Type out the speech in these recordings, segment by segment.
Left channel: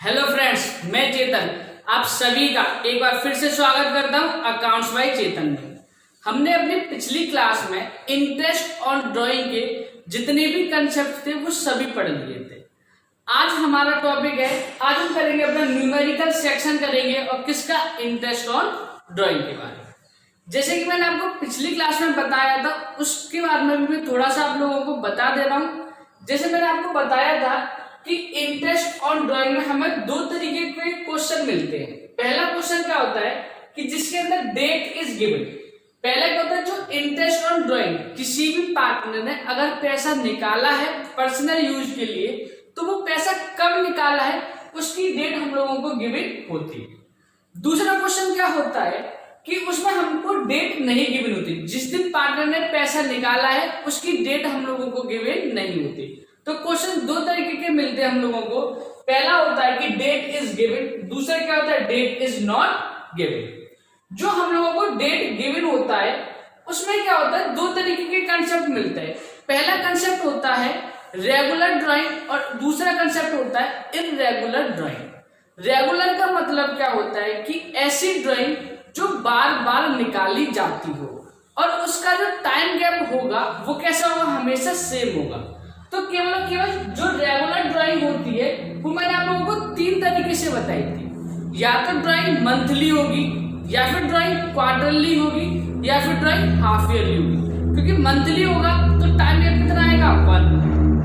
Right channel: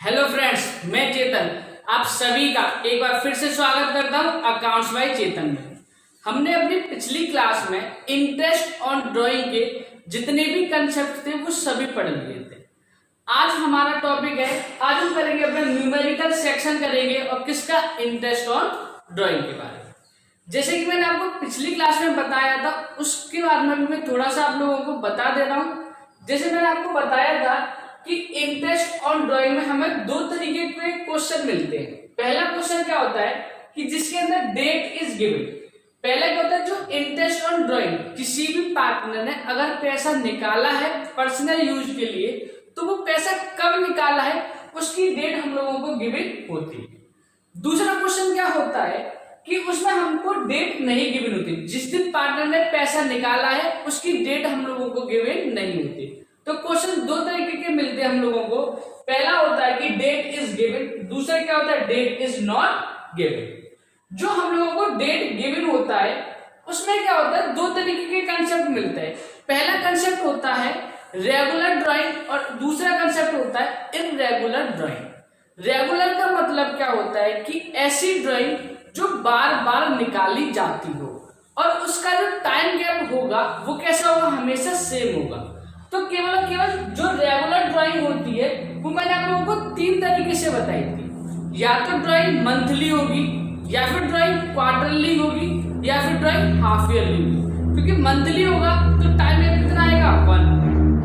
Hello friends, मैं चेतन आप सभी का एक बार फिर से स्वागत करता हूं अकाउंट्स बाय चेतन में। हमने अपनी पिछली क्लास में इंटरेस्ट ऑन ड्राइंग के जितने भी कंसेप्ट थे वो सभी पढ़ लिए थे। आज हमारा टॉपिक है, आज हम करेंगे अपना न्यूमेरिकल सेक्शन करेंगे और किसका, इंटरेस्ट ऑन ड्राइंग के बारे में। जैसे कि मैंने आपको पिछली क्लास में बताया था उसके बारे में भी मैं थोड़ा सा आप लोगों को बता दे रहा हूँ। जैसे मैंने आपको बताया था कि इंटरेस्ट ऑन ड्राइंग में हमें दो तरीके के क्वेश्चन मिलते हैं। पहला क्वेश्चन क्या होता है कि जिसके अंदर डेट इज गिवन। पहले क्या होता है, जो इंटरेस्ट ऑन ड्राइंग किसी भी पार्टनर ने अगर पैसा निकाला है पर्सनल यूज के लिए तो वो पैसा कब निकाला है उसकी डेट हम लोगों को गिवन होती है। दूसरा क्वेश्चन क्या होता है कि उसमें हमको डेट नहीं गिवन होती, जिस दिन पार्टनर ने पैसा निकाला है उसकी डेट हम लोगों को गिवन नहीं होती। तो क्वेश्चन दो तरीके के मिलते हैं हम लोगों को। पहला होता है कि डेट इज गिवन, दूसरा क्या होता है डेट इज नॉट गिवन। जो हम लोगों को डेट गिवन होता है उसमें क्या होता है, दो तरीके के कंसेप्ट मिलते हैं। पहला कंसेप्ट होता है रेगुलर ड्राइंग और दूसरा कंसेप्ट होता है इररेगुलर ड्राइंग। रेगुलर का मतलब क्या होता है कि ऐसी ड्राइंग जो बार बार निकाली जाती हो और उसका जो टाइम गैप होगा वो कैसा होगा, हमेशा सेम होगा। तो केवल जो रेगुलर ड्राइंग होती है वो मैंने आप लोगों को तीन तरीके से बताई थी। या तो ड्राइंग मंथली होगी, या फिर ड्राइंग क्वार्टरली होगी, या फिर ड्राइंग हाफ ईयरली होगी। क्योंकि मंथली होगा तो टाइम गैप कितना आएगा 1,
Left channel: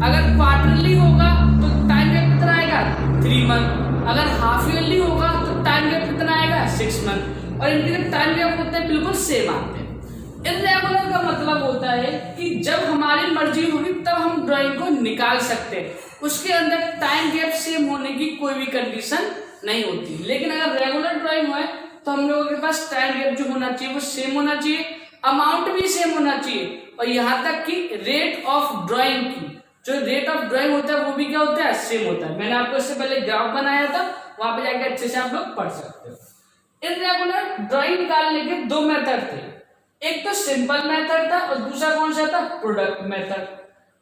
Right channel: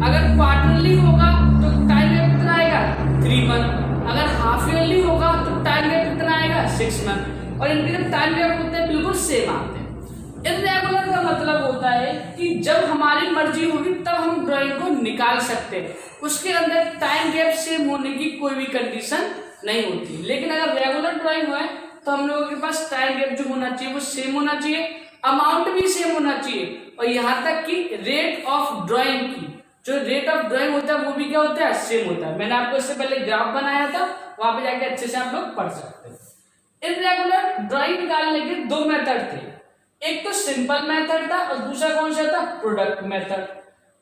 अगर क्वार्टरली होगा तो टाइम गैप कितना आएगा 3 मंथ, अगर हाफ ईयरली होगा तो टाइम गैप कितना आएगा 6 मंथ। और इनके जब टाइम गैप होते हैं बिल्कुल सेम आते हैं। इररेगुलर का मतलब होता है कि जब हमारी मर्जी होगी तब हम ड्राइंग को निकाल सकते हैं, उसके अंदर टाइम गैप सेम होने की कोई भी कंडीशन नहीं होती। लेकिन अगर रेगुलर ड्राइंग है तो हम लोगों के पास टाइम गैप जो होना चाहिए वो सेम होना चाहिए, अमाउंट भी सेम होना चाहिए, और यहाँ तक कि रेट ऑफ ड्राइंग की जो रेट ऑफ ड्राइंग होता है वो भी क्या होता है, सेम होता है। मैंने आपको इससे पहले ग्राफ बनाया था, वहां पे जाके अच्छे से आप लोग पढ़ सकते हो। इररेगुलर ड्राइंग निकालने के दो मेथड थे, एक तो सिंपल मेथड था और दूसरा कौन सा था, प्रोडक्ट मेथड।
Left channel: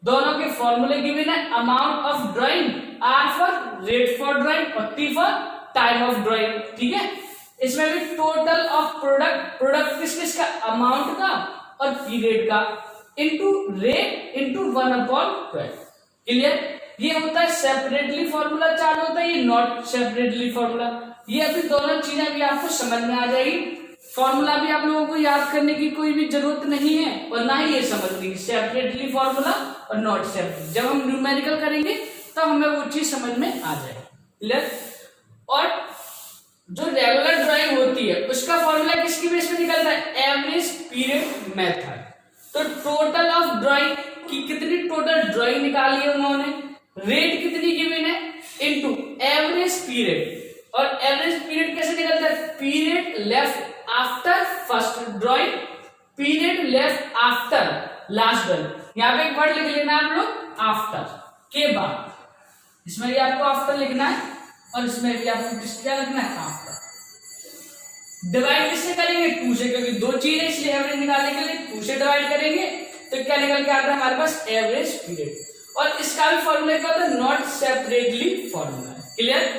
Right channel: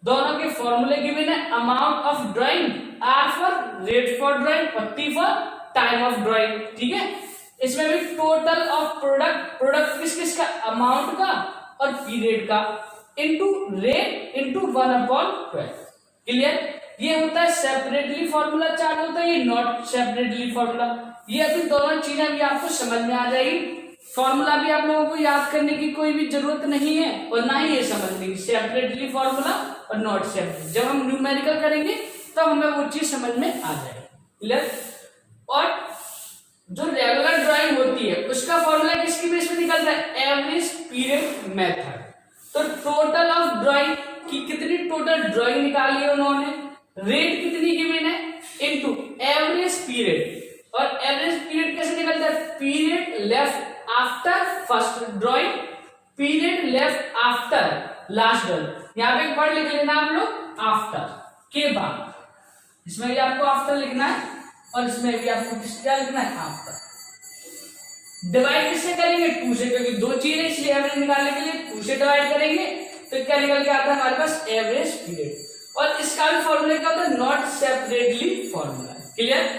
दोनों के फॉर्मूले गिवन है, amount of drawing, R for rate for drawing और T for time of drawing. ठीक है, इसमें भी टोटल ऑफ प्रोडक्ट किस किस का, अमाउंट का और पीरियड का, इनटू रेट इनटू 1/12। क्लियर, ये होता है सेपरेटली फॉर्मूला चालू होता है, ये नॉट सेपरेटली फॉर्मूला। ये अभी दोनों चीजें भी आपको समझ में आ जाएगी। फॉर्मूला भी आप लोगों को याद करने की कोई भी जरूरत नहीं है और ना ही ये समझने की, सेपरेटली फॉर्मूला और नॉट सेपरेट। जब हम न्यूमेरिकल करेंगे तब हमें वो चीज समझ में आ जाएगी। क्लियर, और जो रेगुलर ड्राइंग होती है उसका फॉर्मूला किसकी बेस में निकलता है, एवरेज पीरियड मेथड। तो टोटल ऑफ ड्राइंग की कितनी टोटल ड्राइंग निकाली है उन्होंने, रेट कितनी गिवन है इनटू एवरेज पीरियड। और एवरेज पीरियड कैसे निकलता है, period left after first drawing, period left after last drawing. यहां पे एक वर्ड लिख लेना आप लोग, आफ्टर के बाद। इसमें भी आपको आफ्टर लिखना है और इसमें भी आपको क्या लिखना है, आफ्टर। डिवाइड किससे करेंगे, 2 से, क्योंकि दो चीजें इसलिए एवरेज निकालने के लिए 2 से डिवाइड करेंगे तो क्या निकल के आता है हमारे पास, एवरेज पीरियड। और इसका भी फॉर्मूला क्या होता है, नॉट सेपरेटली फॉर्मूला। क्लियर,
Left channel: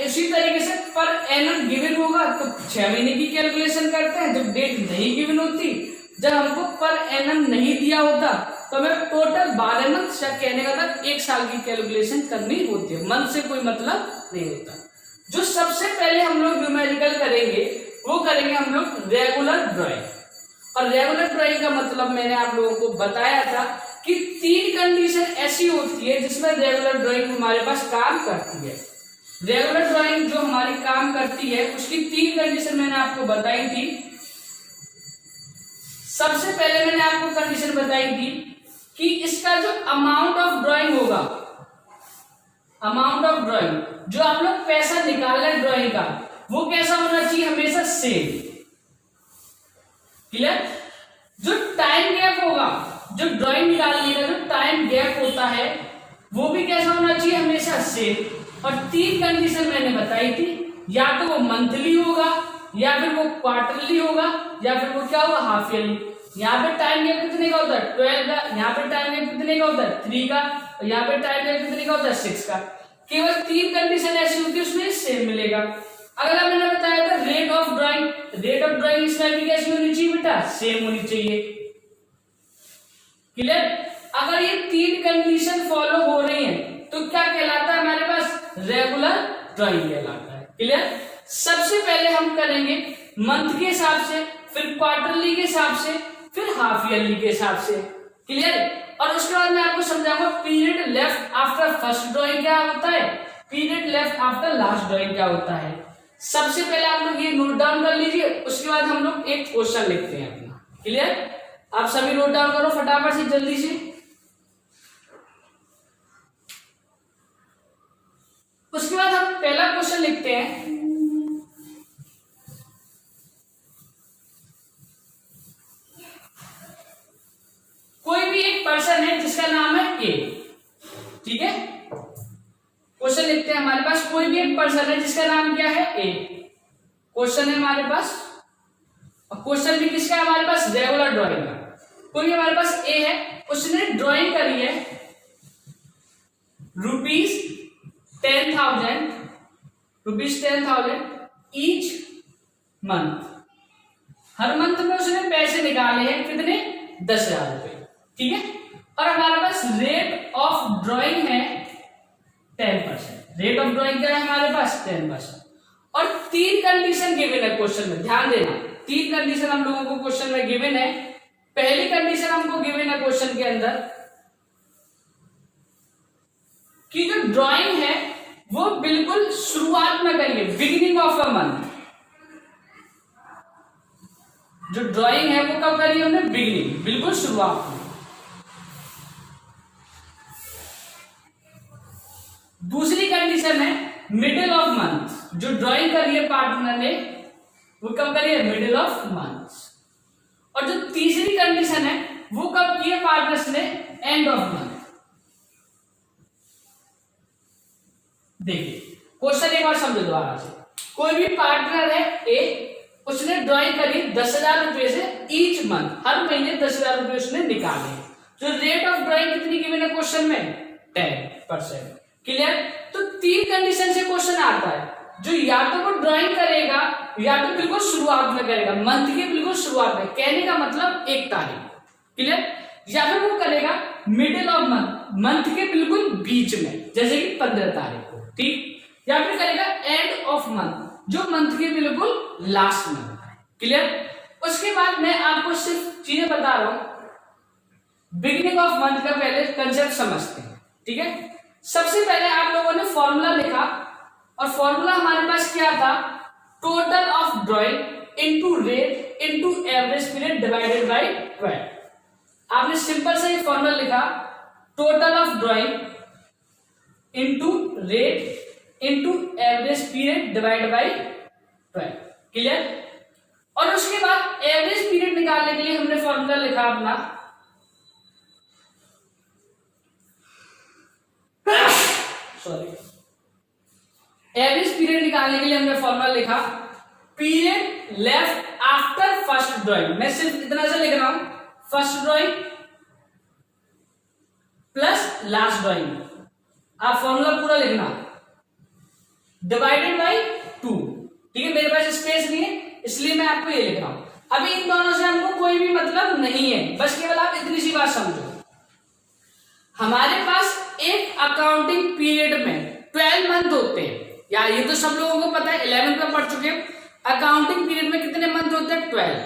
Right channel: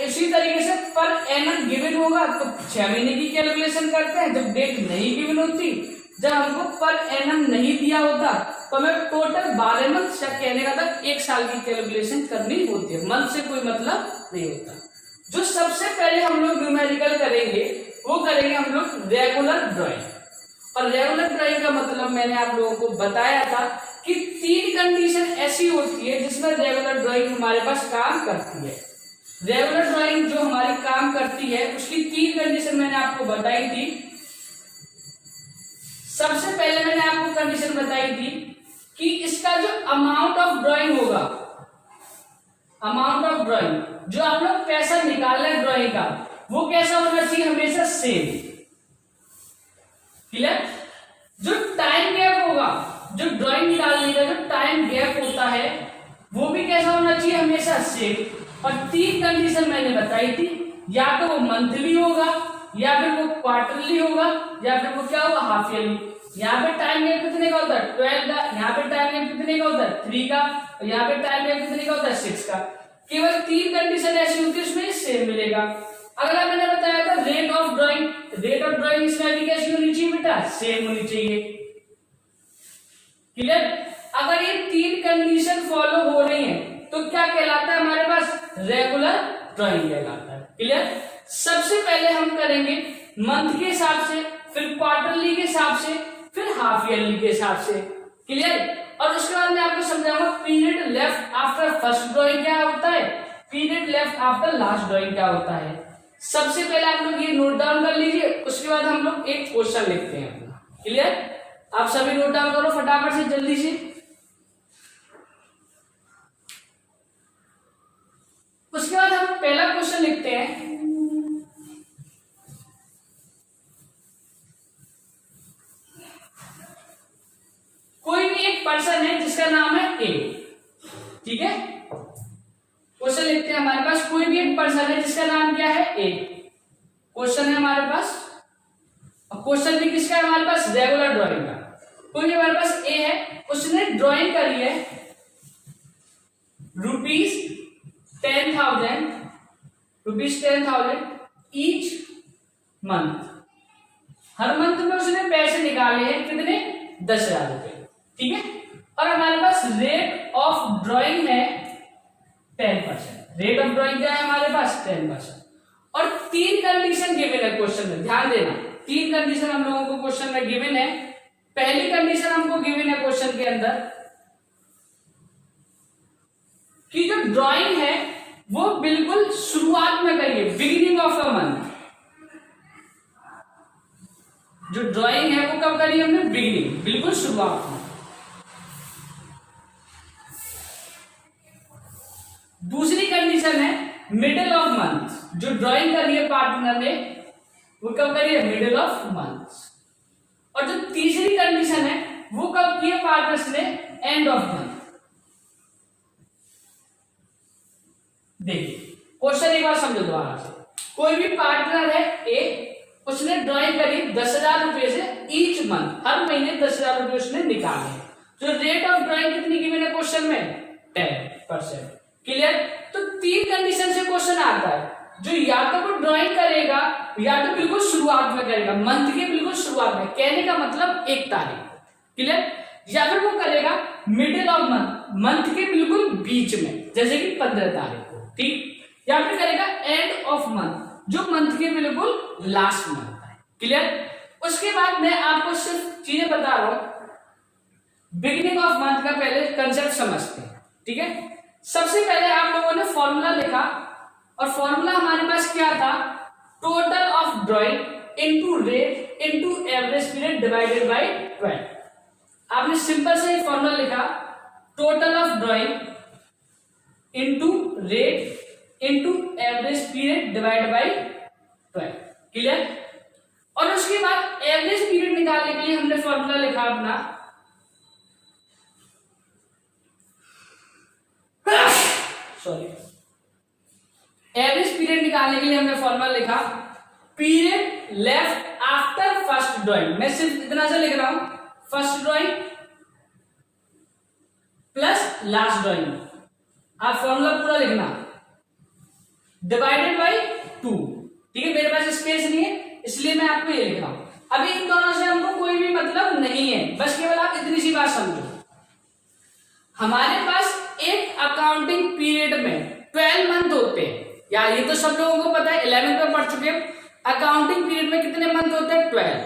इसी तरीके से पर एनम गिवन होगा तो 6 महीने की कैलकुलेशन करते हैं। जब डेट नहीं गिवन होती, जब हमको पर एनम नहीं दिया होता तो हमें टोटल 12 मंथ या कहने का था 1 साल की कैलकुलेशन करनी होती है। मंथ से कोई मतलब नहीं होता। जो सबसे पहले हम लोग न्यूमेरिकल करेंगे वो करेंगे हम लोग रेगुलर ड्राइंग। और रेगुलर ड्राइंग का मतलब मैंने आप लोगों को बताया था कि 3 कंडीशन ऐसी होती है जिसमें रेगुलर ड्राइंग हमारे पास काम करती है। रेगुलर ड्राइंग जो हमारी काम करती है उसकी 3 कंडीशन मैंने आपको बताई थी। सबसे पहले मैंने आपको कंडीशन बताई थी कि इसका जो अमाउंट ऑफ ड्राइंग होगा, अमाउंट ऑफ ड्राइंग जो आप लोग पैसा निकाल रहे ड्राइंग का, वो कैसा होना चाहिए, हमेशा सेम। क्लियर, जो टाइम गैप होगा, जो ड्राइंग निकालने का जो टाइम गैप होता है वो भी कैसा होना चाहिए, हमेशा सेम। और 3 कंडीशन मैंने बताई थी, या तो वो मंथली होगा, या फिर वो क्वार्टरली होगा, या फिर वो क्या होगा, हाफ ईयरली। यहाँ पे टाइम गैप कितने का होता है, 12 का। यहाँ पे टाइम गैप कितने का होता है, 3 का। और यहाँ पे टाइम गैप कितने का होता है, 6 का। केवल 3 कंडीशन ऐसी होती है उसमें सेम मिलेगा। अगला मैंने बताया था rate of drawing, rate of drawing इसमें भी कैसी होनी चाहिए बेटा, सेम होनी चाहिए। क्लियर? अगर ये 3 कंडीशन फॉलो हो रही है तो क्या कहलाता है हमारे पास, रेगुलर ड्राइंग कहलाता है। क्लियर? सबसे पहले हम करेंगे मंथ के हिसाब से, फिर क्वार्टरली के हिसाब से, फिर हाफ ईयरली के हिसाब से। क्लियर? और उसके बाद मैं आपको समझाऊंगा period left after first drawing क्या होता है, period left after last drawing क्या होता है। सबसे पहले आप लोग ये नोट डाउन कर लीजिए, उसके बाद हम लोग एक क्वेश्चन लिखते हैं अपना। क्लियर? आप सभी नोट डाउन करो फटाफट से, जल्दी से। उसके बाद हम पहला क्वेश्चन लिखते हैं, कोई भी एक पर्सन है जिसका नाम है ए। ठीक है, क्वेश्चन लिखते हैं हमारे पास, कोई भी एक पर्सन है जिसका नाम क्या है, ए। क्वेश्चन है हमारे पास, और क्वेश्चन भी किसका है हमारे पास, रेगुलर ड्राइंग का। कोई हमारे पास ए है, उसने ड्राइंग करी है ₹10,000 ईच मंथ। हर मंथ में उसने पैसे निकाले हैं कितने, 10,000 रुपए। ठीक है, और हमारे पास रेट ऑफ ड्राइंग है 10%। रेट ऑफ ड्राइंग क्या है हमारे पास, 10%। और 3 कंडीशन गिवन है क्वेश्चन में, ध्यान देना 3 कंडीशन हम लोगों को क्वेश्चन में गिवन है। पहली कंडीशन हमको गिवन है क्वेश्चन के अंदर कि जो ड्राइंग है वो बिल्कुल शुरुआत में करिए, बिगिनिंग ऑफ अ मंथ। जो ड्राइंग है वो कब करी हमने, बिगिनिंग, बिल्कुल शुरुआत में। दूसरी कंडीशन है मिडिल ऑफ मंथ। जो ड्राइंग करी है पार्टनर ने वो कब करी है, मिडिल ऑफ मंथ। और जो तीसरी कंडीशन है वो कब की है पार्टनर्स ने, एंड ऑफ मंथ। देखिए क्वेश्चन एक बार समझो दोबारा से। कोई भी पार्टनर है ए, उसने ड्राइंग करी 10,000 रुपए से ईच मंथ, हर महीने 10,000 रुपए उसने निकाले। जो रेट ऑफ ड्राइंग कितनी गिवन है क्वेश्चन में, 10%। क्लियर? तो 3 कंडीशन से क्वेश्चन आता है, जो या तो वो ड्राइंग करेगा या तो बिल्कुल शुरुआत में करेगा, मंथ के बिल्कुल शुरुआत में, कहने का मतलब 1 तारीख। क्लियर? या फिर वो करेगा मिडिल ऑफ मंथ, मंथ के बिल्कुल बीच में, जैसे कि 15 तारीख को। ठीक? या फिर करेगा एंड ऑफ मंथ, जो मंथ के बिल्कुल लास्ट में होता है। क्लियर? उसके बाद मैं आपको सिर्फ चीजें बता रहा हूं। बिगिनिंग ऑफ मंथ का पहले कंसेप्ट समझते हैं। ठीक है, सबसे पहले आप लोगों ने फॉर्मूला लिखा, और फॉर्मूला हमारे पास क्या था, total of drawing into rate into average period divided by 12। आपने सिंपल से एक फॉर्मूला लिखा, total of drawing into rate into average period divided by 12। Clear? और उसके बाद एवरेज पीरियड निकालने के लिए हमने फॉर्मूला लिखा अपना, सॉरी, एवरेज पीरियड निकालने के लिए हमने फॉर्मूला लिखा period left after first drawing. मैं सिर्फ इतना सा लिख रहा हूं, first drawing plus last drawing. आप फॉर्मूला पूरा लिखना, डिवाइडेड बाय 2। ठीक है, मेरे पास स्पेस नहीं है इसलिए मैं आपको ये लिख रहा हूं। अभी इन दोनों से हमको कोई भी मतलब नहीं है, बस केवल आप इतनी सी बात समझो। हमारे पास एक अकाउंटिंग पीरियड में 12 मंथ होते हैं, यार ये तो सब लोगों को पता है, 11th में पढ़ चुके हैं। अकाउंटिंग पीरियड में कितने मंथ होते हैं, 12।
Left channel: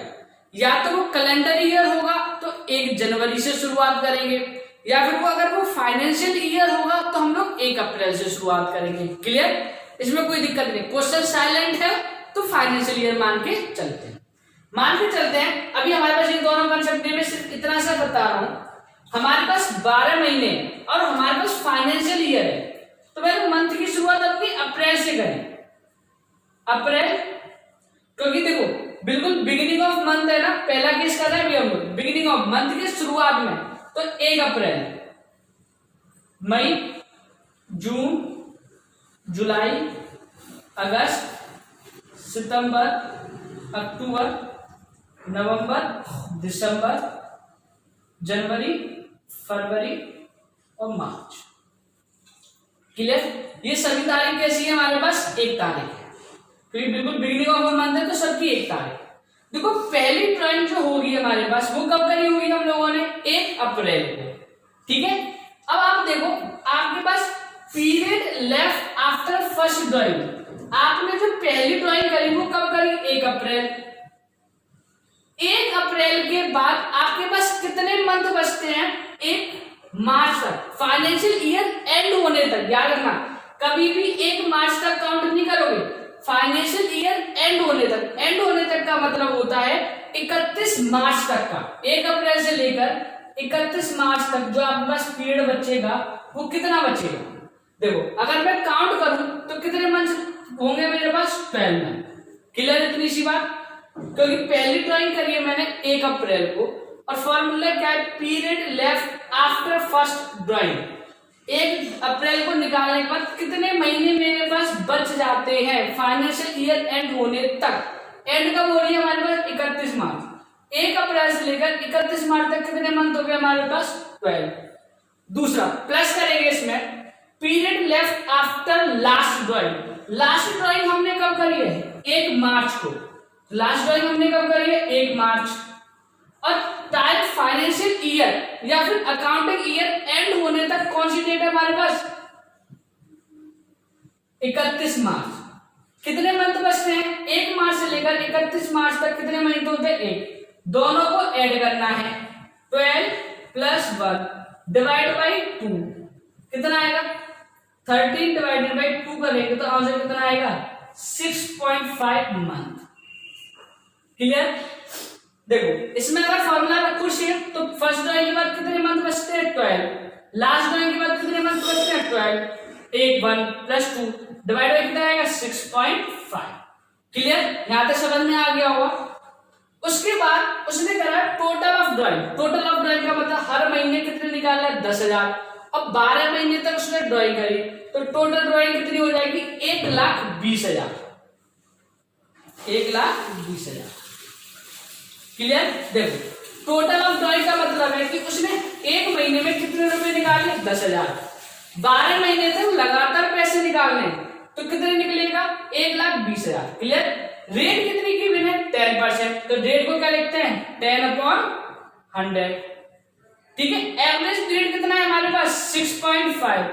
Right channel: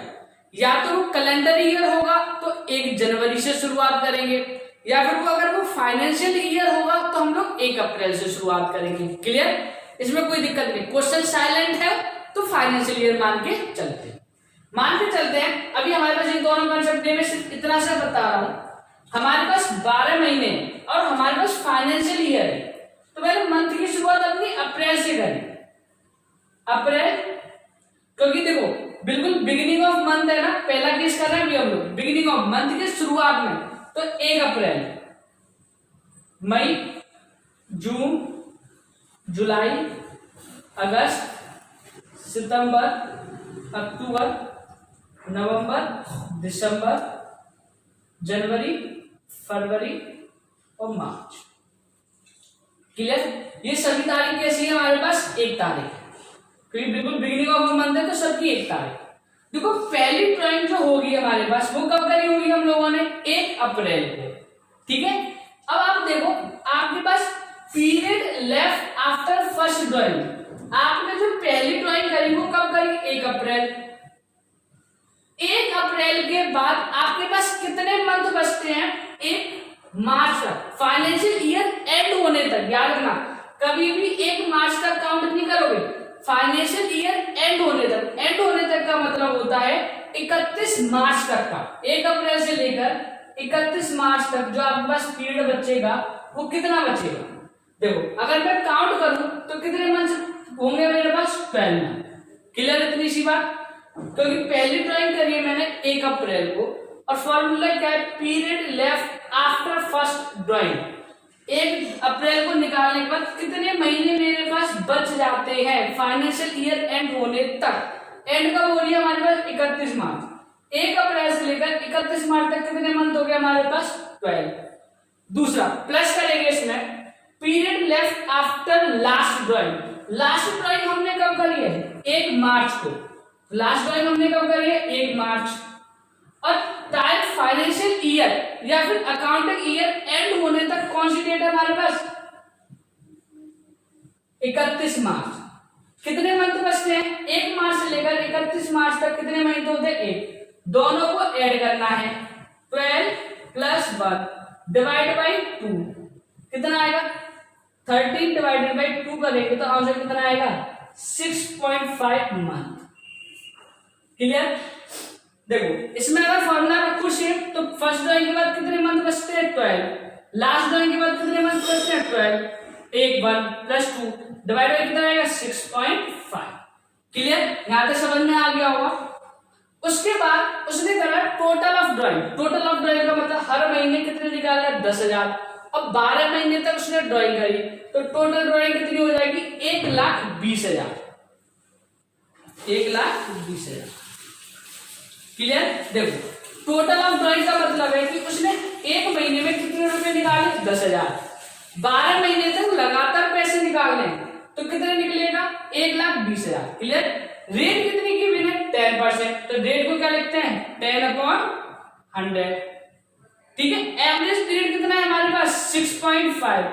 या तो वो कैलेंडर ईयर होगा तो 1 जनवरी से शुरुआत करेंगे, या फिर वो अगर वो फाइनेंशियल ईयर होगा तो हम लोग 1 अप्रैल से शुरुआत करेंगे। क्लियर? इसमें कोई दिक्कत नहीं। क्वेश्चन साइलेंट है तो फाइनेंशियल ईयर मान के चलते हैं, मान के चलते हैं। अभी हमारे पास ये दोनों कंसेप्ट में सिर्फ इतना सा बता रहा हूं, हमारे पास 12 महीने और हमारे पास फाइनेंशियल ईयर है, तो मैंने मंथ की शुरुआत अपनी अप्रैल से करी, अप्रैल, क्योंकि देखो बिल्कुल बिगिनिंग ऑफ मंथ है ना, पहला केस कर रहे हैं अभी हम लोग, बिगिनिंग ऑफ मंथ के शुरुआत में, तो 1 अप्रैल, मई, जून, जुलाई, अगस्त, सितंबर, अक्टूबर, नवंबर, दिसंबर, जनवरी, फरवरी और मार्च। क्लियर? ये सभी तारीख कैसी है हमारे पास, एक तारीख है, क्योंकि बिल्कुल बिगिनिंग ऑफ मंथ है तो सबकी एक तारीख। देखो पहली ड्राइंग जो होगी हमारे पास वो कब करी होगी हम लोगों ने, 1 अप्रैल को, ठीक है। अब आप देखो आपके पास period left after first drawing, आपने जो पहली ड्राइंग करी वो कब करी, 1 अप्रैल। 1 अप्रैल के बाद आपके पास कितने मंथ बचते हैं, 1 मार्च तक, फाइनेंशियल ईयर एंड होने तक। याद रखना कभी भी 1 मार्च तक काउंट नहीं करोगे, फाइनेंशियल ईयर एंड होने तक। एंड होने तक का मतलब होता है 31 मार्च तक का, 1 अप्रैल से लेकर 31 मार्च तक जो आपके पास पीरियड बचेगा वो कितना बचेगा। देखो अगर मैं काउंट करूं तो कितने मंथ होंगे मेरे पास, 12 मंथ। क्लियर इतनी सी बात, क्योंकि पहली ड्राइंग करी है मैंने 1 अप्रैल को, और फॉर्मूला क्या है, period left after first drawing. 1 अप्रैल को निकालने के बाद कितने महीने मेरे पास बच जाते हैं फाइनेंशियल ईयर एंड होने तक। एंड कब हो रही है हमारे पास, 31 मार्च। 1 अप्रैल से लेकर 31 मार्च तक कितने मंथ हो गए हमारे पास, 12। दूसरा प्लस करेंगे इसमें, period left after last drawing. Last drawing हमने कब करी है, 1 मार्च को। लास्ट ड्राइंग हमने कब करी है, 1 मार्च। और टाइम फाइनेंशियल ईयर या फिर अकाउंटिंग ईयर एंड होने तक कौन सी डेट है हमारे पास, 31 मार्च। कितने मंथ बचते हैं, 1 मार्च से लेकर 31 मार्च तक कितने महीने होते हैं, 1। दोनों को ऐड करना है, 12 + 1 डिवाइड बाई 2 कितना आएगा, 13 डिवाइडेड बाई 2 करेंगे तो आंसर कितना आएगा, 6.5 मंथ। क्लियर। देखो इसमें अगर फॉर्मूला रखो सेम तो फर्स्ट ड्राइंग के बाद कितने मंथ बचते हैं, 12। लास्ट ड्राइंग के बाद कितने मंथ बचते हैं, 12। 1 + 2 डिवाइड बाई कितना आएगा, 6.5। क्लियर, यहां तक समझ में आ गया होगा। उसके बाद उसने करा total of drawing. Total of drawing का मतलब हर महीने कितने निकालना है, 10,000। अब 12 महीने तक उसने ड्राइंग करी तो टोटल ड्राइंग कितनी हो जाएगी, 1,20,000। 1,20,000। क्लियर। देखो टोटल ऑफ ड्राइंग का मतलब है कि उसने 1 महीने में कितने रुपए निकाले, 10,000। 12 महीने तक लगातार पैसे निकालने तो कितने निकलेगा, 1,20,000। क्लियर। रेट कितनी की बिना, 10%। तो रेट को क्या लिखते हैं, 10/100। ठीक है। एवरेज पीरियड कितना है हमारे पास, 6.5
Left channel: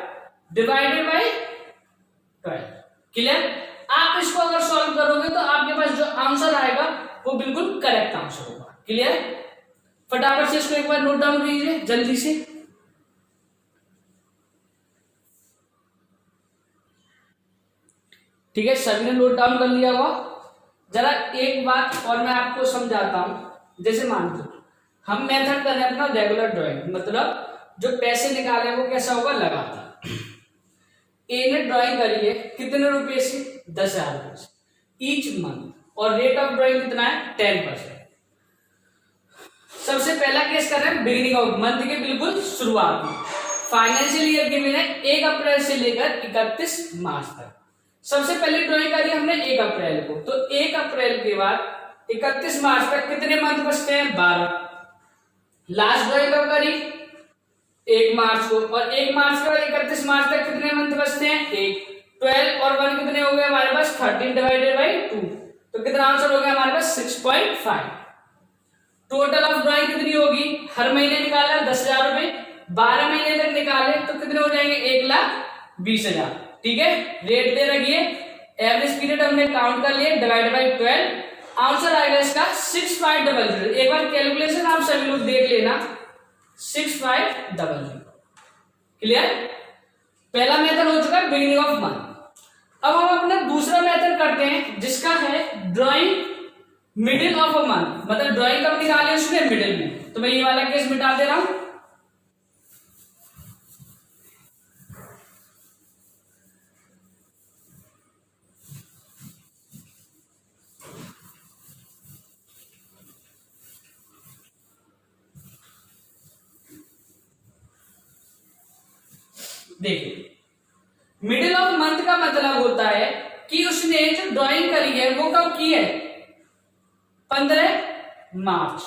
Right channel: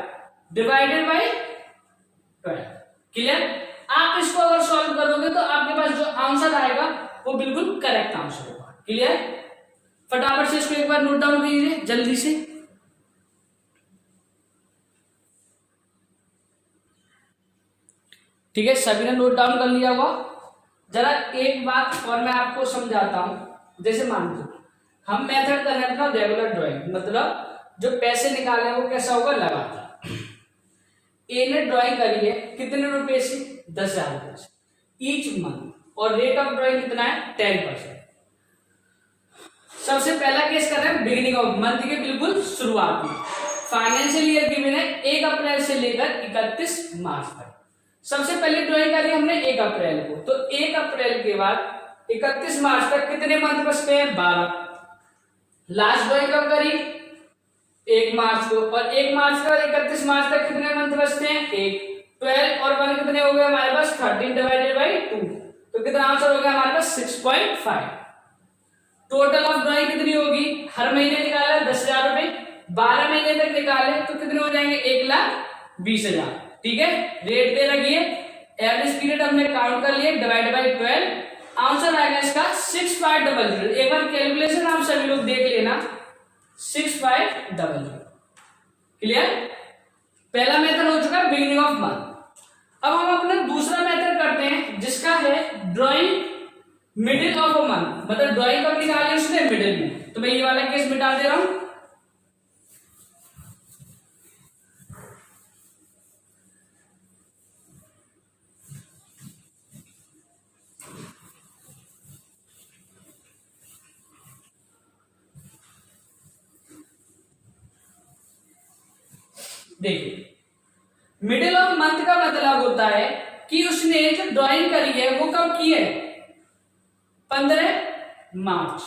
डिवाइडेड बाई 12। क्लियर। आप इसको अगर सॉल्व करोगे तो आपके पास जो आंसर आएगा वो बिल्कुल करेक्ट आंसर होगा। क्लियर। फटाफट से इसको एक बार नोट डाउन कीजिए जल्दी से। ठीक है, सभी ने नोट डाउन कर लिया होगा। जरा एक बात और मैं आपको समझाता हूं। जैसे मान लो हम मेथड कर रहे हैं अपना रेगुलर ड्राइंग, मतलब जो पैसे निकाले वो कैसा होगा, लगातार। ए ने ड्राइंग करी है कितने रुपए से, 10,000 रुपए से ईच मंथ, और रेट ऑफ ड्राइंग कितना है, 10%। सबसे पहला केस कर रहे हैं बिगिनिंग ऑफ मंथ के बिल्कुल शुरुआत में। फाइनेंशियल ईयर गिवन है 1 अप्रैल से लेकर 31 मार्च तक। सबसे पहले ड्राइंग करी हमने 1 अप्रैल को, तो 1 अप्रैल के बाद 31 मार्च तक कितने मंथ बचते हैं, 12। लास्ट ड्राइंग कब करी, 1 मार्च को, और 1 मार्च के बाद 31 मार्च तक कितने मंथ बचते हैं, 1। 12 और 1 कितने हो गए हमारे पास, 13 डिवाइडेड बाई 2। तो कितना आंसर हो गया हमारे पास, 6.5। टोटल ऑफ ड्राइंग कितनी होगी, हर महीने निकाला 10,000 रुपए, 12 महीने तक निकाले तो कितने हो जाएंगे, 1,20,000। ठीक है। रेट दे रखी है, एवरेज पीरियड हमने काउंट कर लिए, डिवाइड बाई 12। आंसर आएगा इसका 6,500। एक बार कैलकुलेशन आप सभी लोग देख लेना, 6,500। क्लियर। पहला मेथड हो चुका है बिगिनिंग ऑफ मंथ। अब हम अपना दूसरा मेथड करते हैं जिसका है drawing middle of a month, मतलब ड्राइंग कब निकाले उसने, मिडिल में। तो मैं ये वाला केस मिटा दे रहा हूं। देखिए मिडिल ऑफ मंथ का मतलब होता है कि उसने जो ड्राइंग करी है वो कब की है, 15 मार्च।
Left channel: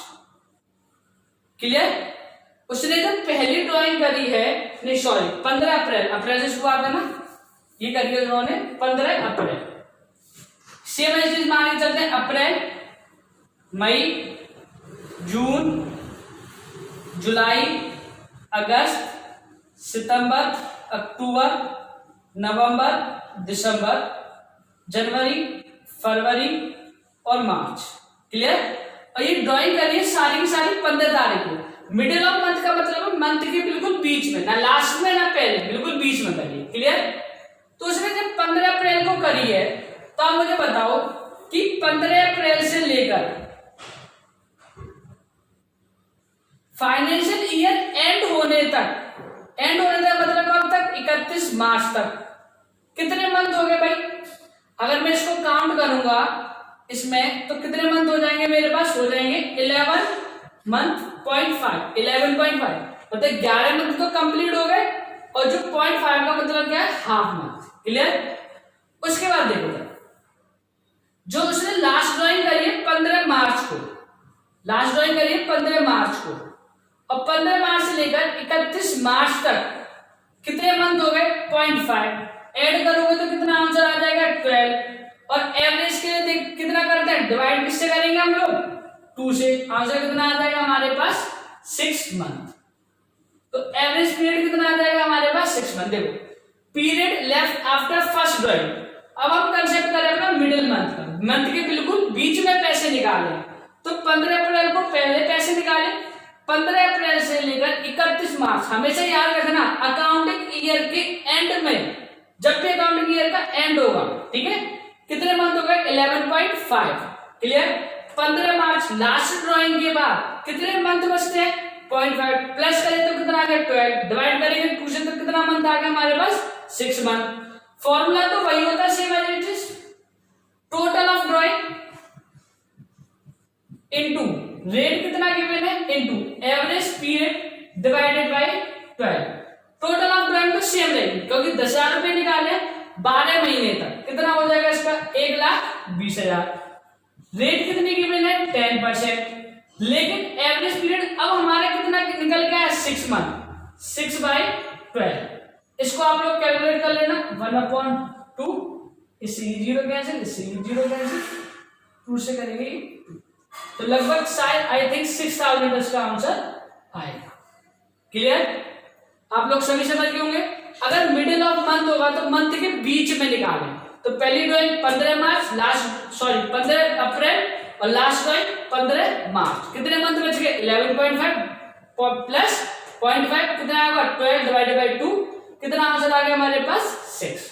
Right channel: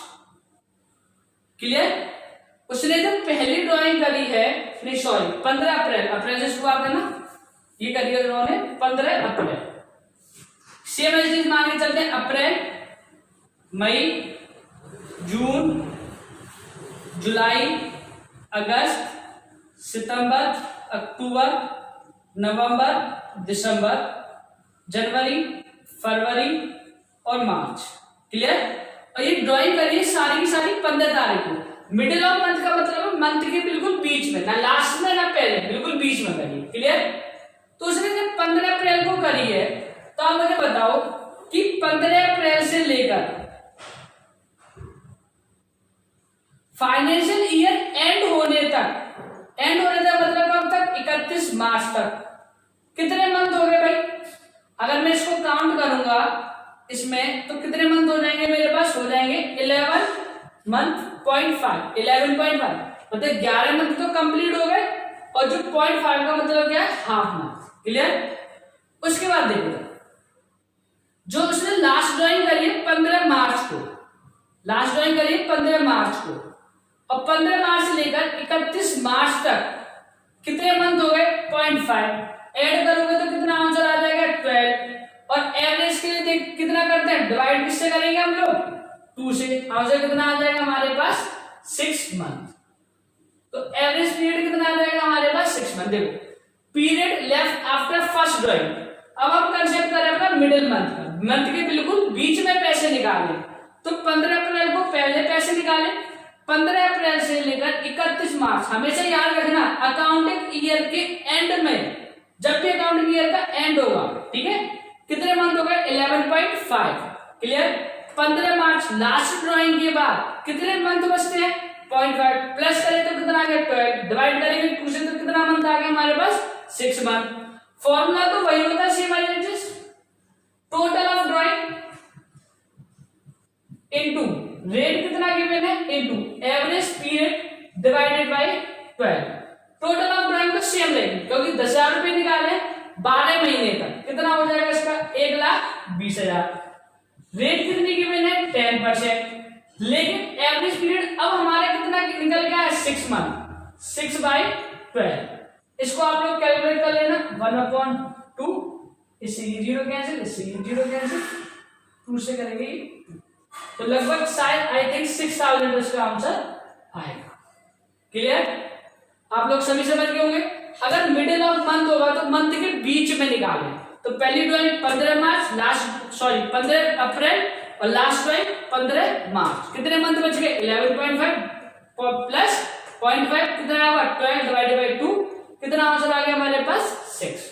क्लियर। उसने जब पहली ड्राइंग करी है, नहीं सॉरी 15 अप्रैल, अप्रैल से शुरुआत है ना, ये करिए उन्होंने 15 अप्रैल। सेम चीज मांगे चलते हैं अप्रैल, मई, जून, जुलाई, अगस्त, सितंबर, अक्टूबर, नवंबर, दिसंबर, जनवरी, फरवरी और मार्च। क्लियर। और ये ड्राइंग करिए सारी की सारी 15 तारीख को। मिडिल ऑफ मंथ का मतलब है मंथ के बिल्कुल बीच में, ना लास्ट में ना पहले, बिल्कुल बीच में करिए। क्लियर। तो उसने जब 15 अप्रैल को करी है तो आप मुझे बताओ कि 15 अप्रैल से लेकर फाइनेंशियल ईयर एंड होने तक मतलब कब तक? 31 मार्च तक कितने मंथ हो गए भाई? अगर मैं इसको काउंट करूंगा इसमें तो कितने मंथ हो जाएंगे मेरे पास? हो जाएंगे 11 मंथ पॉइंट 5, 11.5 मतलब 11 मंथ तो कंप्लीट हो गए। और जो 0.5 का मतलब क्या है? Half month. क्लियर। उसके बाद देखो जो उसने लास्ट ड्राइंग करी है 15 मार्च को, लास्ट ड्राइंग करी है 15 मार्च को, और 15 मार्च से लेकर 31 मार्च तक कितने मंथ हो गए? 0.5 ऐड करोगे तो कितना आंसर आ जाएगा? 12। और एवरेज के लिए कितना करते हैं? डिवाइड किससे करेंगे हम लोग? 2 से। आंसर कितना आ जाएगा हमारे पास? 6 मंथ। तो एवरेज पीरियड कितना आ जाएगा हमारे पास? 6 मंथ। देखो period left after first drawing. अब हम कंसेप्ट करें अपना मिडिल मंथ का, मंथ के बिल्कुल बीच में पैसे निकाले। तो 15 अप्रैल को पहले पैसे निकाले, 15 अप्रैल से लेकर 31 मार्च। हमेशा याद रखना अकाउंटिंग ईयर के एंड में, जब भी अकाउंटिंग ईयर का एंड होगा, ठीक है, कितने मंथ हो गए? 11.5। क्लियर। 15 मार्च लास्ट ड्राइंग के बाद कितने मंथ बचते हैं? 0.5 प्लस करें तो कितना आ गया? 12। डिवाइड करेंगे क्वेश्चन तो कितना मंथ आ गया हमारे पास? 6 मंथ। फॉर्मूला तो वही होता है, same as it is. Total of drawing into rate कितना गिवन है into average period divided by 12। Total of drawing तो सेम रहेगी क्योंकि 10,000 रुपए निकाले 12 महीने तक, कितना हो जाएगा इसका? 1,20,000। रेट कितनी गिवन है? 10%। लेकिन एवरेज पीरियड अब हमारा कितना निकल गया है? 6 मंथ। 6/12 इसको आप लोग कैलकुलेट कर लेना। 1/2 इससे 0 कैंसिल, इससे 0 कैंसिल, 2 से करेंगे 2। तो लगभग शायद आई थिंक 6,000 इसका आंसर आएगा। क्लियर। आप लोग सभी समझ गए होंगे। अगर मिडिल ऑफ मंथ होगा तो मंथ के बीच में निकालें। तो पहली ड्राइंग 15 मार्च, 15 अप्रैल और लास्ट ड्राइंग 15 मार्च। कितने मंथ बच गए? 11.5 प्लस 0.5 कितना आएगा? 12 डिवाइडेड बाय 2। कितना आंसर आ गया हमारे पास? 6।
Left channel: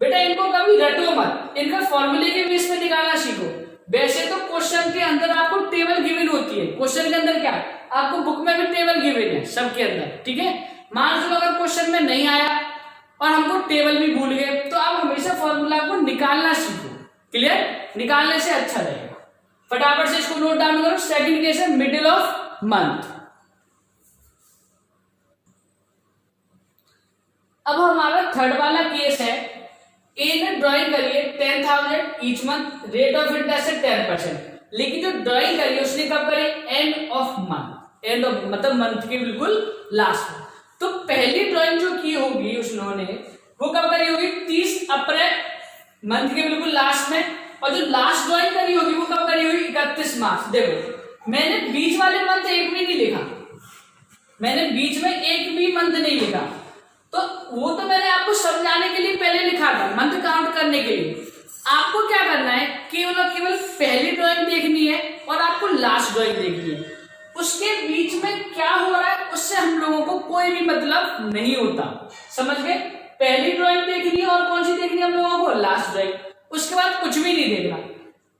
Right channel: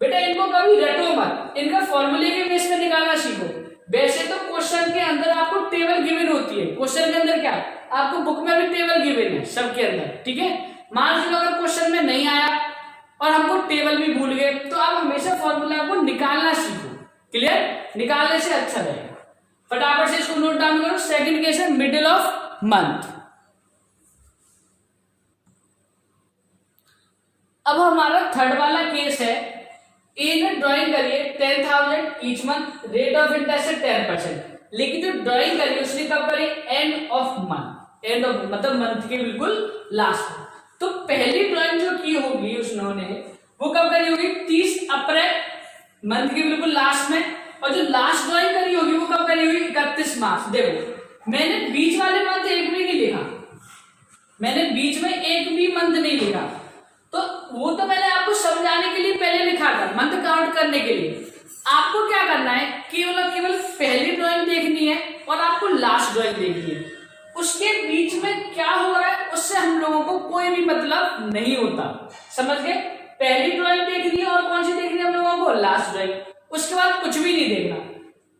बेटा इनको कभी रटो मत, इनका फॉर्मूले के बेस पे निकालना सीखो। वैसे तो क्वेश्चन के अंदर आपको टेबल गिवन होती है। क्वेश्चन के अंदर क्या आपको बुक में भी टेबल गिवन है सबके अंदर, ठीक है। मान लो अगर क्वेश्चन में नहीं आया और हमको टेबल भी भूल गए तो आप हमेशा फॉर्मूला को निकालना सीखो। क्लियर। निकालने से अच्छा रहेगा। फटाफट से इसको नोट डाउन करो। सेकंड केस है मिडिल ऑफ मंथ। अब हमारा थर्ड वाला केस है। ए ने ड्राइंग करिए 10,000 each month, rate of interest है 10%। लेकिन जो ड्राइंग करिए उसने कब करी? End of month. End of मतलब मंथ के बिल्कुल लास्ट में। तो पहली ड्राइंग जो की होगी उसने वो कब करी होगी? 30 अप्रैल मंथ के बिल्कुल लास्ट में। और जो लास्ट ड्राइंग करी होगी वो कब करी होगी? 31 मार्च। देखो मैंने बीच वाले मंथ एक भी नहीं लिखा, मैंने बीच में एक भी मंथ नहीं लिखा। तो वो तो मैंने आपको समझाने के लिए पहले लिखा था, मंथ काउंट करने के लिए। आपको क्या करना है? केवल पहली ड्राइंग देखनी है और आपको लास्ट ड्राइंग देखनी है। उसके बीच में क्या हो रहा है उससे हम लोगों को कोई भी मतलब नहीं होता। समझ गए? पहली ड्राइंग देखनी है और कौन सी देखनी है हम लोगों को? Last drawing. उसके बाद कुछ भी नहीं देखना।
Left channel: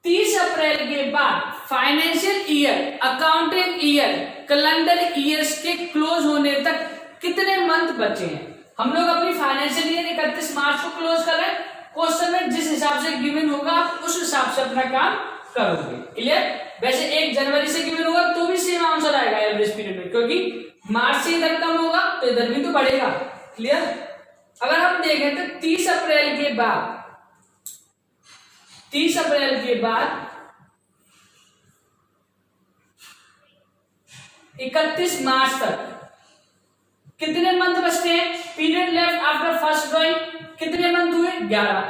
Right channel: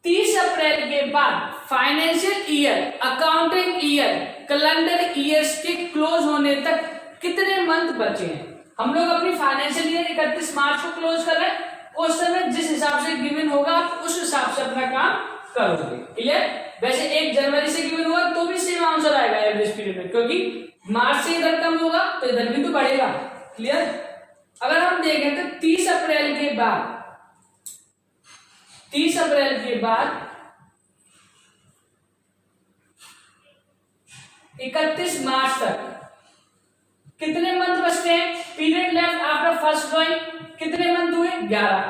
30 अप्रैल के बाद financial year, accounting year, calendar years के क्लोज होने तक कितने मंथ बचे हैं? हम लोग अपनी फाइनेंशियल ईयर 31 मार्च को क्लोज कर रहे हैं। क्वेश्चन में जिस हिसाब से गिवन होगा आप उस हिसाब से अपना काम करोगे। क्लियर। वैसे 1 जनवरी से गिवन होगा तो भी सेम आंसर आएगा एवरेज पीरियड में, क्योंकि मार्च से इधर कम होगा तो इधर भी तो बढ़ेगा। क्लियर। अगर हम देखें तो 30 अप्रैल के बाद 31 मार्च तक कितने मंथ बचते हैं? Period left after first drawing कितने मंथ हुए 11।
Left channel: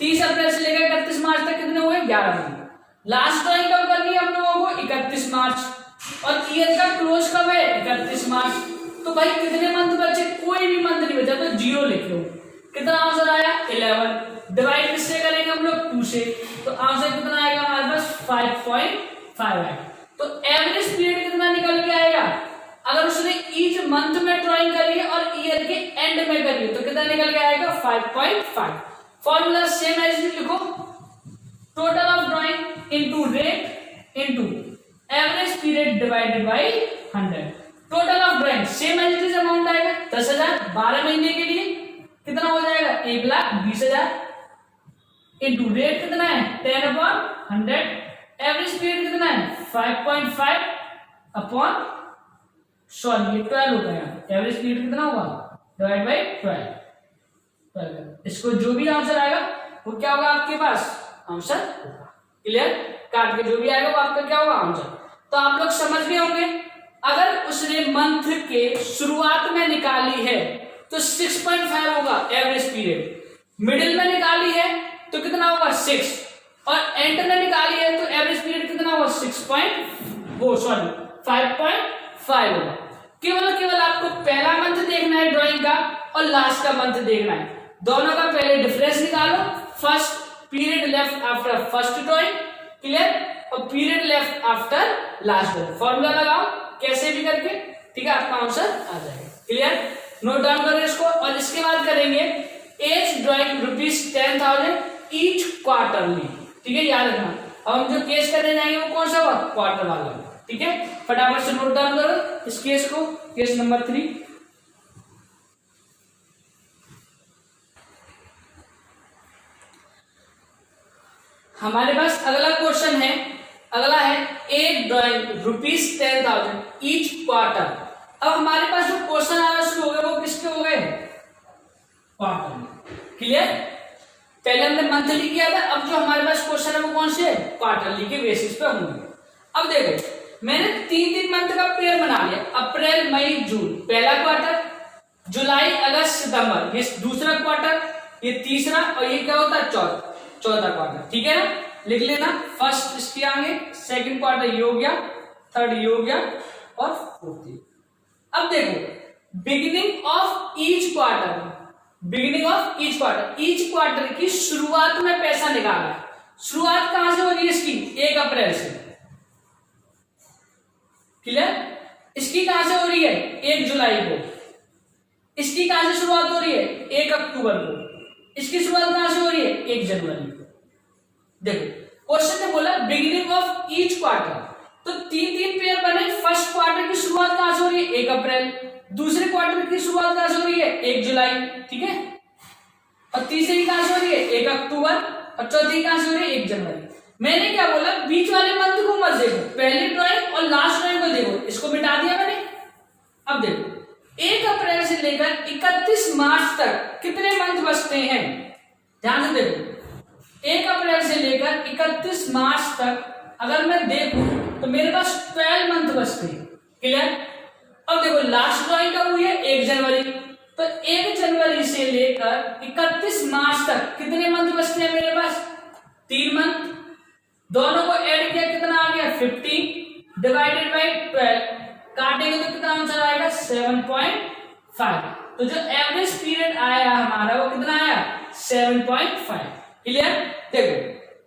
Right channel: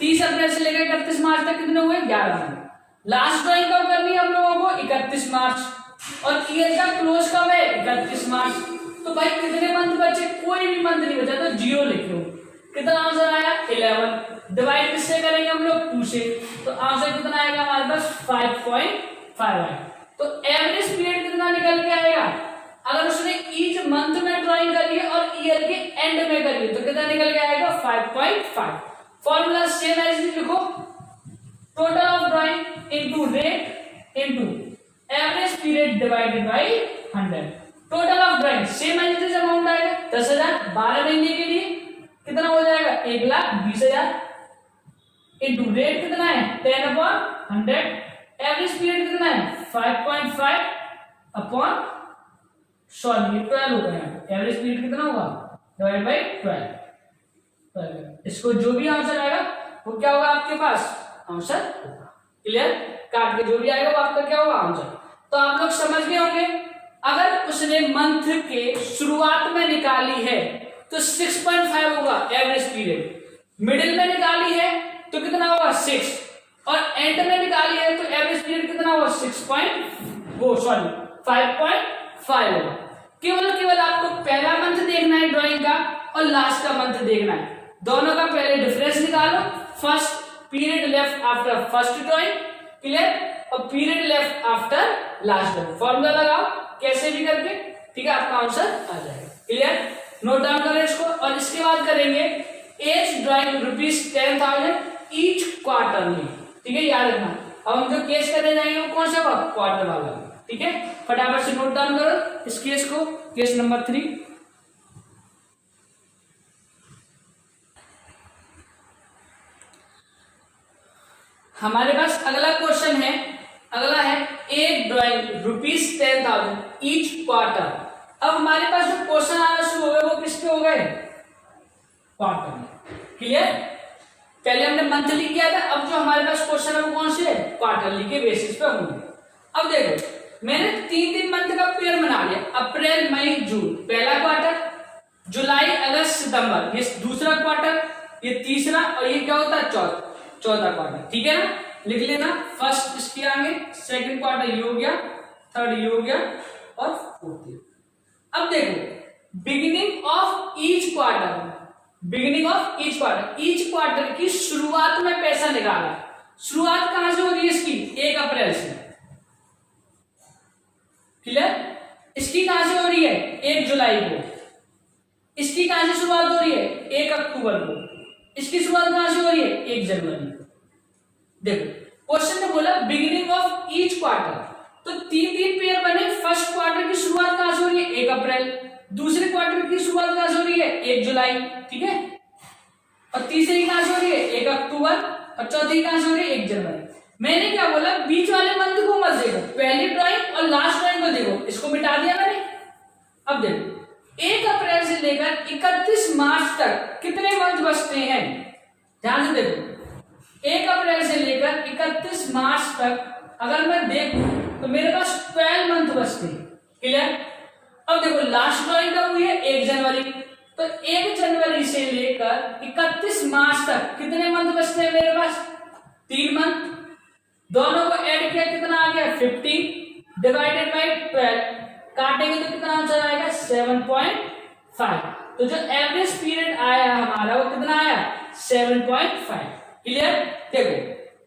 30 अप्रैल से लेकर 31 मार्च तक कितने हुए 11 मंथ। लास्ट ड्राइंग कब करनी है हम लोगों को 31 मार्च और ईयर का क्लोज कब है 31 मार्च। तो भाई कितने मंथ बचे, कोई भी मंथ नहीं बचा तो 0 लिख लो। कितना आंसर आया 11। डिवाइड किससे करेंगे हम लोग 2 से, तो आंसर कितना आएगा हमारे पास 5.5 आएगा। तो एवरेज पीरियड कितना निकल के आएगा, अगर उसने ईच मंथ में ड्राइंग करी है और ईयर के एंड में करी है तो कितना निकल के आएगा 5.5। फॉर्मूला सेम एज लिखो, total of drawing into rate into average period divided by 100। Total of drawing same as amount आएगा 10,000 12 महीने के लिए कितना हो जाएगा 1,20,000 इनटू रेट कितना है 10/100। एवरेज पीरियड कितना है 5.5 अपॉन 12 होगा यहाँ। एवरेज पीरियड कितना होगा डिवाइड बाय 12। इसको जो भी आंसर आएगा वो क्या होगा आपके पास आंसर होगा। क्लियर, काट के जो भी आएगा वो आपका क्या होगा आंसर। तो आप लोग समझ गए होंगे, अगर उसने मंथ के शुरुआत में निकाली है तो 6.5 होगा एवरेज पीरियड, मिडिल में निकाली है तो कितना होगा 6 और एंड में निकाली है तो एवरेज पीरियड कितना होगा 5.5 होगा। केवल आपको पहला मंथ देखना है ड्राइंग का और लास्ट का मंथ देखना है, दोनों का पहले डिफरेंस निकालो। First period left after first drawing, clear, और period left after last drawing. Formula लगाओ कैसे भी करके, ठीक है, आपका आंसर आ जाएगा। क्लियर, नोट डाउन करो इसको। और इसके बाद करेंगे एच ड्राइंग ₹10,000 ईच क्वार्टरली, ठीक है, याद रखना। अब हम जो केस करने जाएंगे वो कौन सा होगा क्वार्टर वाला, ठीक है। फटाफट से नोट डाउन करो इस केस को, केस नंबर 3। हमारे पास अगला क्वेश्चन है, अगला है एक ड्राइंग ₹10,000 ईच क्वार्टर। अब हमारे पास जो क्वेश्चन आना शुरू हो गए वो किसके हो गए क्वार्टर में। क्लियर, पहले हमने मंथली किया था, अब जो हमारे पास क्वेश्चन है वो कौन से क्वार्टरली के बेसिस पे होंगे। अब देखो मैंने 3 मंथ का पीरियड बना लिया, अप्रैल मई जून पहला क्वार्टर, जुलाई अगस्त सितंबर ये दूसरा क्वार्टर, ये तीसरा, और ये क्या होता है चौथा क्वार्टर, ठीक है ना। लिख लेना, फर्स्ट इसके आगे, सेकंड क्वार्टर ये हो गया, थर्ड ये हो गया और फोर्थ। अब देखो beginning of each quarter, each quarter की शुरुआत में पैसा निकाला है। शुरुआत कहां से हो रही है इसकी 1 अप्रैल से, क्लियर। इसकी कहां से हो रही है 1 जुलाई को, इसकी कहां से शुरुआत हो रही है 1 अक्टूबर को, इसकी शुरुआत कहां से हो रही है 1 जनवरी को। देखो क्वेश्चन ने बोला बिगिनिंग ऑफ ईच क्वार्टर, तो 3 पेयर बने। फर्स्ट क्वार्टर की शुरुआत कहां से हो रही है 1 अप्रैल, दूसरे क्वार्टर की शुरुआत कहां से हो रही है 1 जुलाई, ठीक है, और तीसरी कहां से हो रही है 1 अक्टूबर, और चौथी कहां से हो रही है 1 जनवरी। मैंने क्या बोला बीच वाले मंथ को मत देखो, पहली ड्राइंग और लास्ट ड्राइंग को देखो, इसको मिटा दिया मैंने। अब देखो 1 अप्रैल से लेकर 31 मार्च तक कितने मंथ बचते हैं, ध्यान से देखो। 1 अप्रैल से लेकर 31 मार्च तक अगर मैं देखूं तो मेरे पास 12 मंथ बचते हैं, क्लियर। अब देखो लास्ट ड्राइंग कब हुई है 1 जनवरी, तो 1 जनवरी से लेकर 31 मार्च तक कितने मंथ बचते हैं मेरे पास 3 मंथ। दोनों को ऐड किया कितना आ गया 50 डिवाइडेड बाय 12, काटेंगे तो कितना आंसर आएगा 7.5। तो जो एवरेज पीरियड आया हमारा वो कितना आया 7.5, क्लियर। देखो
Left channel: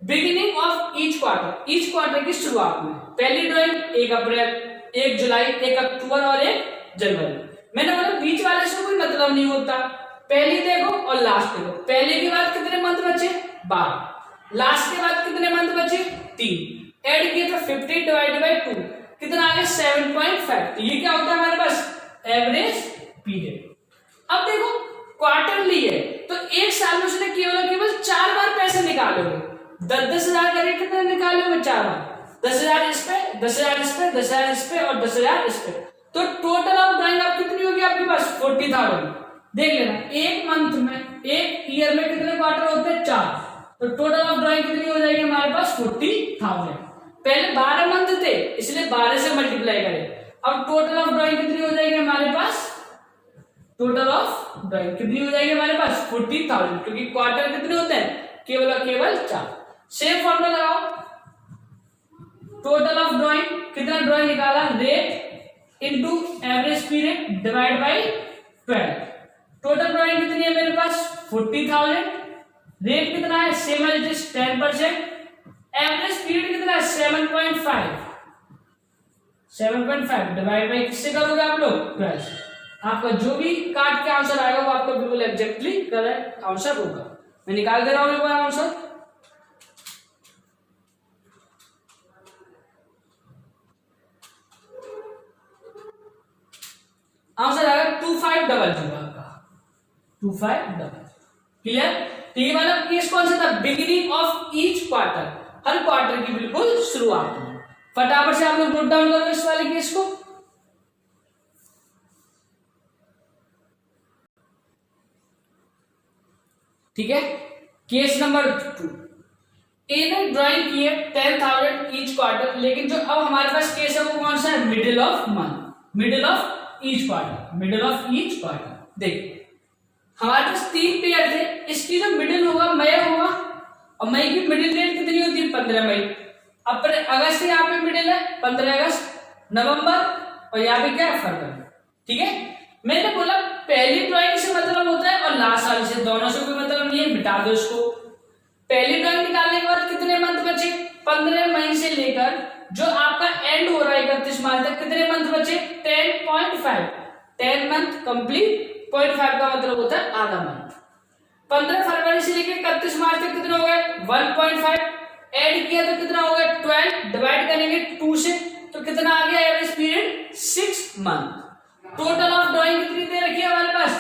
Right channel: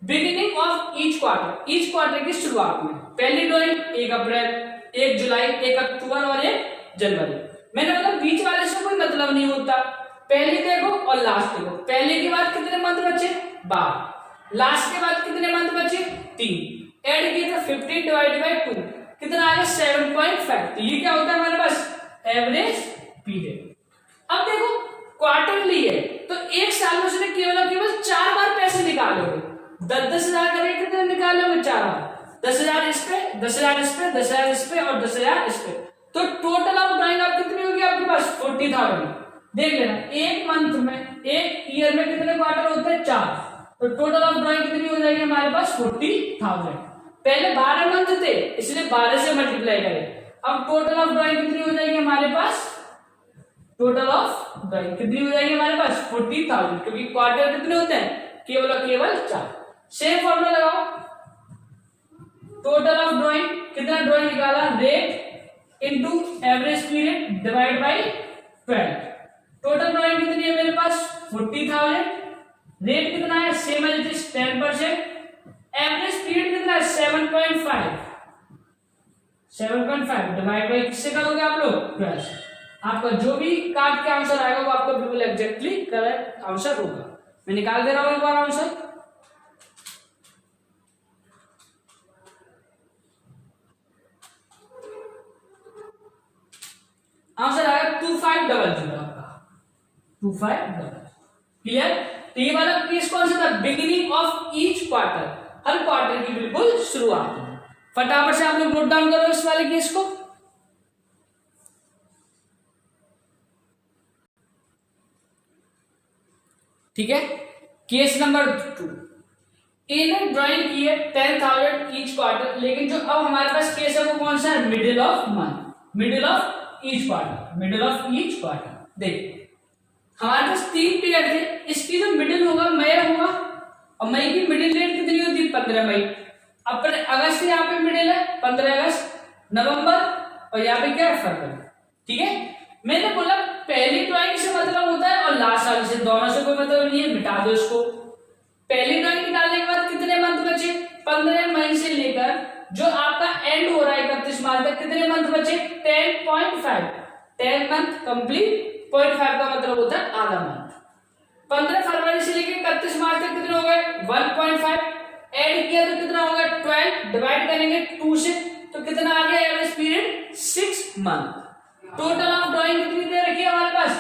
बिगिनिंग ऑफ ईच क्वार्टर की शुरुआत में पहली ड्राइंग 1 अप्रैल, 1 जुलाई, 1 अक्टूबर और 1 जनवरी। मैंने बोला बीच वाले से कोई मतलब नहीं होता, पहली देखो और लास्ट देखो। पहले के बाद कितने मंथ बचे 12, लास्ट के बाद कितने मंथ बचे 3, ऐड किए तो 50 डिवाइडेड बाय 2 कितना आ गया 7.5। तो ये क्या होता है हमारे पास एवरेज पीरियड। अब देखो क्वार्टरली है तो एक साल में उसने केवल 4 बार पैसे निकालोगे, 10,000 करके कितने निकालोगे 4 बार, 10,000 इस पे, 10,000 इस पे, 10,000 इस पे और 10,000 इस पे। तो टोटल ऑफ ड्राइंग आप कितनी होगी आपके पास 40,000। देख लेना एक मंथ में, एक ईयर में कितने क्वार्टर होते हैं 4, तो टोटल ऑफ ड्राइंग कितनी हो जाएगी हमारे पास 40,000। पहले 12 मंथ थे इसलिए 12 से मल्टीप्लाई करें, अब टोटल ऑफ ड्राइंग कितनी हो जाएगी हमारे पास टोटल ऑफ ड्राइंग कितनी हो जाएगी हमारे पास 40,000, क्योंकि क्वार्टर कितने होते हैं केवल और केवल 4। सेम फॉर्मूला लगाओ, टोटल ऑफ ड्राइंग कितना ड्राइंग निकाला, rate into average period divide by 12। Total drawing कितनी है मेरे पास 40,000, रेट कितना है same as it is 10%, average period कितना है 7.5 डिवाइड बाय किससे करोगे आप लोग 12 से। आपका जो भी काट के आंसर आएगा वो आपका बिल्कुल एग्जैक्टली करेक्ट आंसर होगा। मैं निकाल दे रहा हूं एक बार आंसर। आंसर आएगा 2500 आपका 2500। क्लियर। तो ये वाला केस कौन सा था, beginning of each quarter, her quarter की बिल्कुल शुरुआत में। फटाफट से आप लोग नोट डाउन करो इस वाले केस को। ठीक है। केस नंबर 2, ए ने ड्राइंग की है 10,000 ईच क्वार्टर, लेकिन जो अब हमारे पास केस है वो कौन सा है, middle of month, middle of each quarter, middle of each quarter. देखिए हमारे पास 3 पेयर थे, इसकी जो मिडिल होगा मई होगा, और मई की मिडिल डेट कितनी होती है 15 मई। अब अगस्त यहाँ पे मिडिल है 15 अगस्त, नवंबर और यहाँ पे क्या है फरवरी। ठीक है। मैंने बोला पहली ड्राइंग से मतलब होता है और लास्ट वाली से, दोनों से कोई मतलब नहीं है, मिटा दो इसको। पहली ड्राइंग निकालने के बाद कितने मंथ बचे, 15 मई से लेकर जो आपका एंड हो रहा है 31 मार्च तक, कितने मंथ बचे 10.5, 10 मंथ कंप्लीट। 0.5 का मतलब होता है आधा मंथ। 15 फरवरी से लेकर 31 मार्च तक कितने हो गए 1.5, ऐड किया तो कितना हो गया 12, डिवाइड करेंगे 2 से तो कितना आ गया average period 6 month. Total of drawing कितनी दे रखी है हमारे पास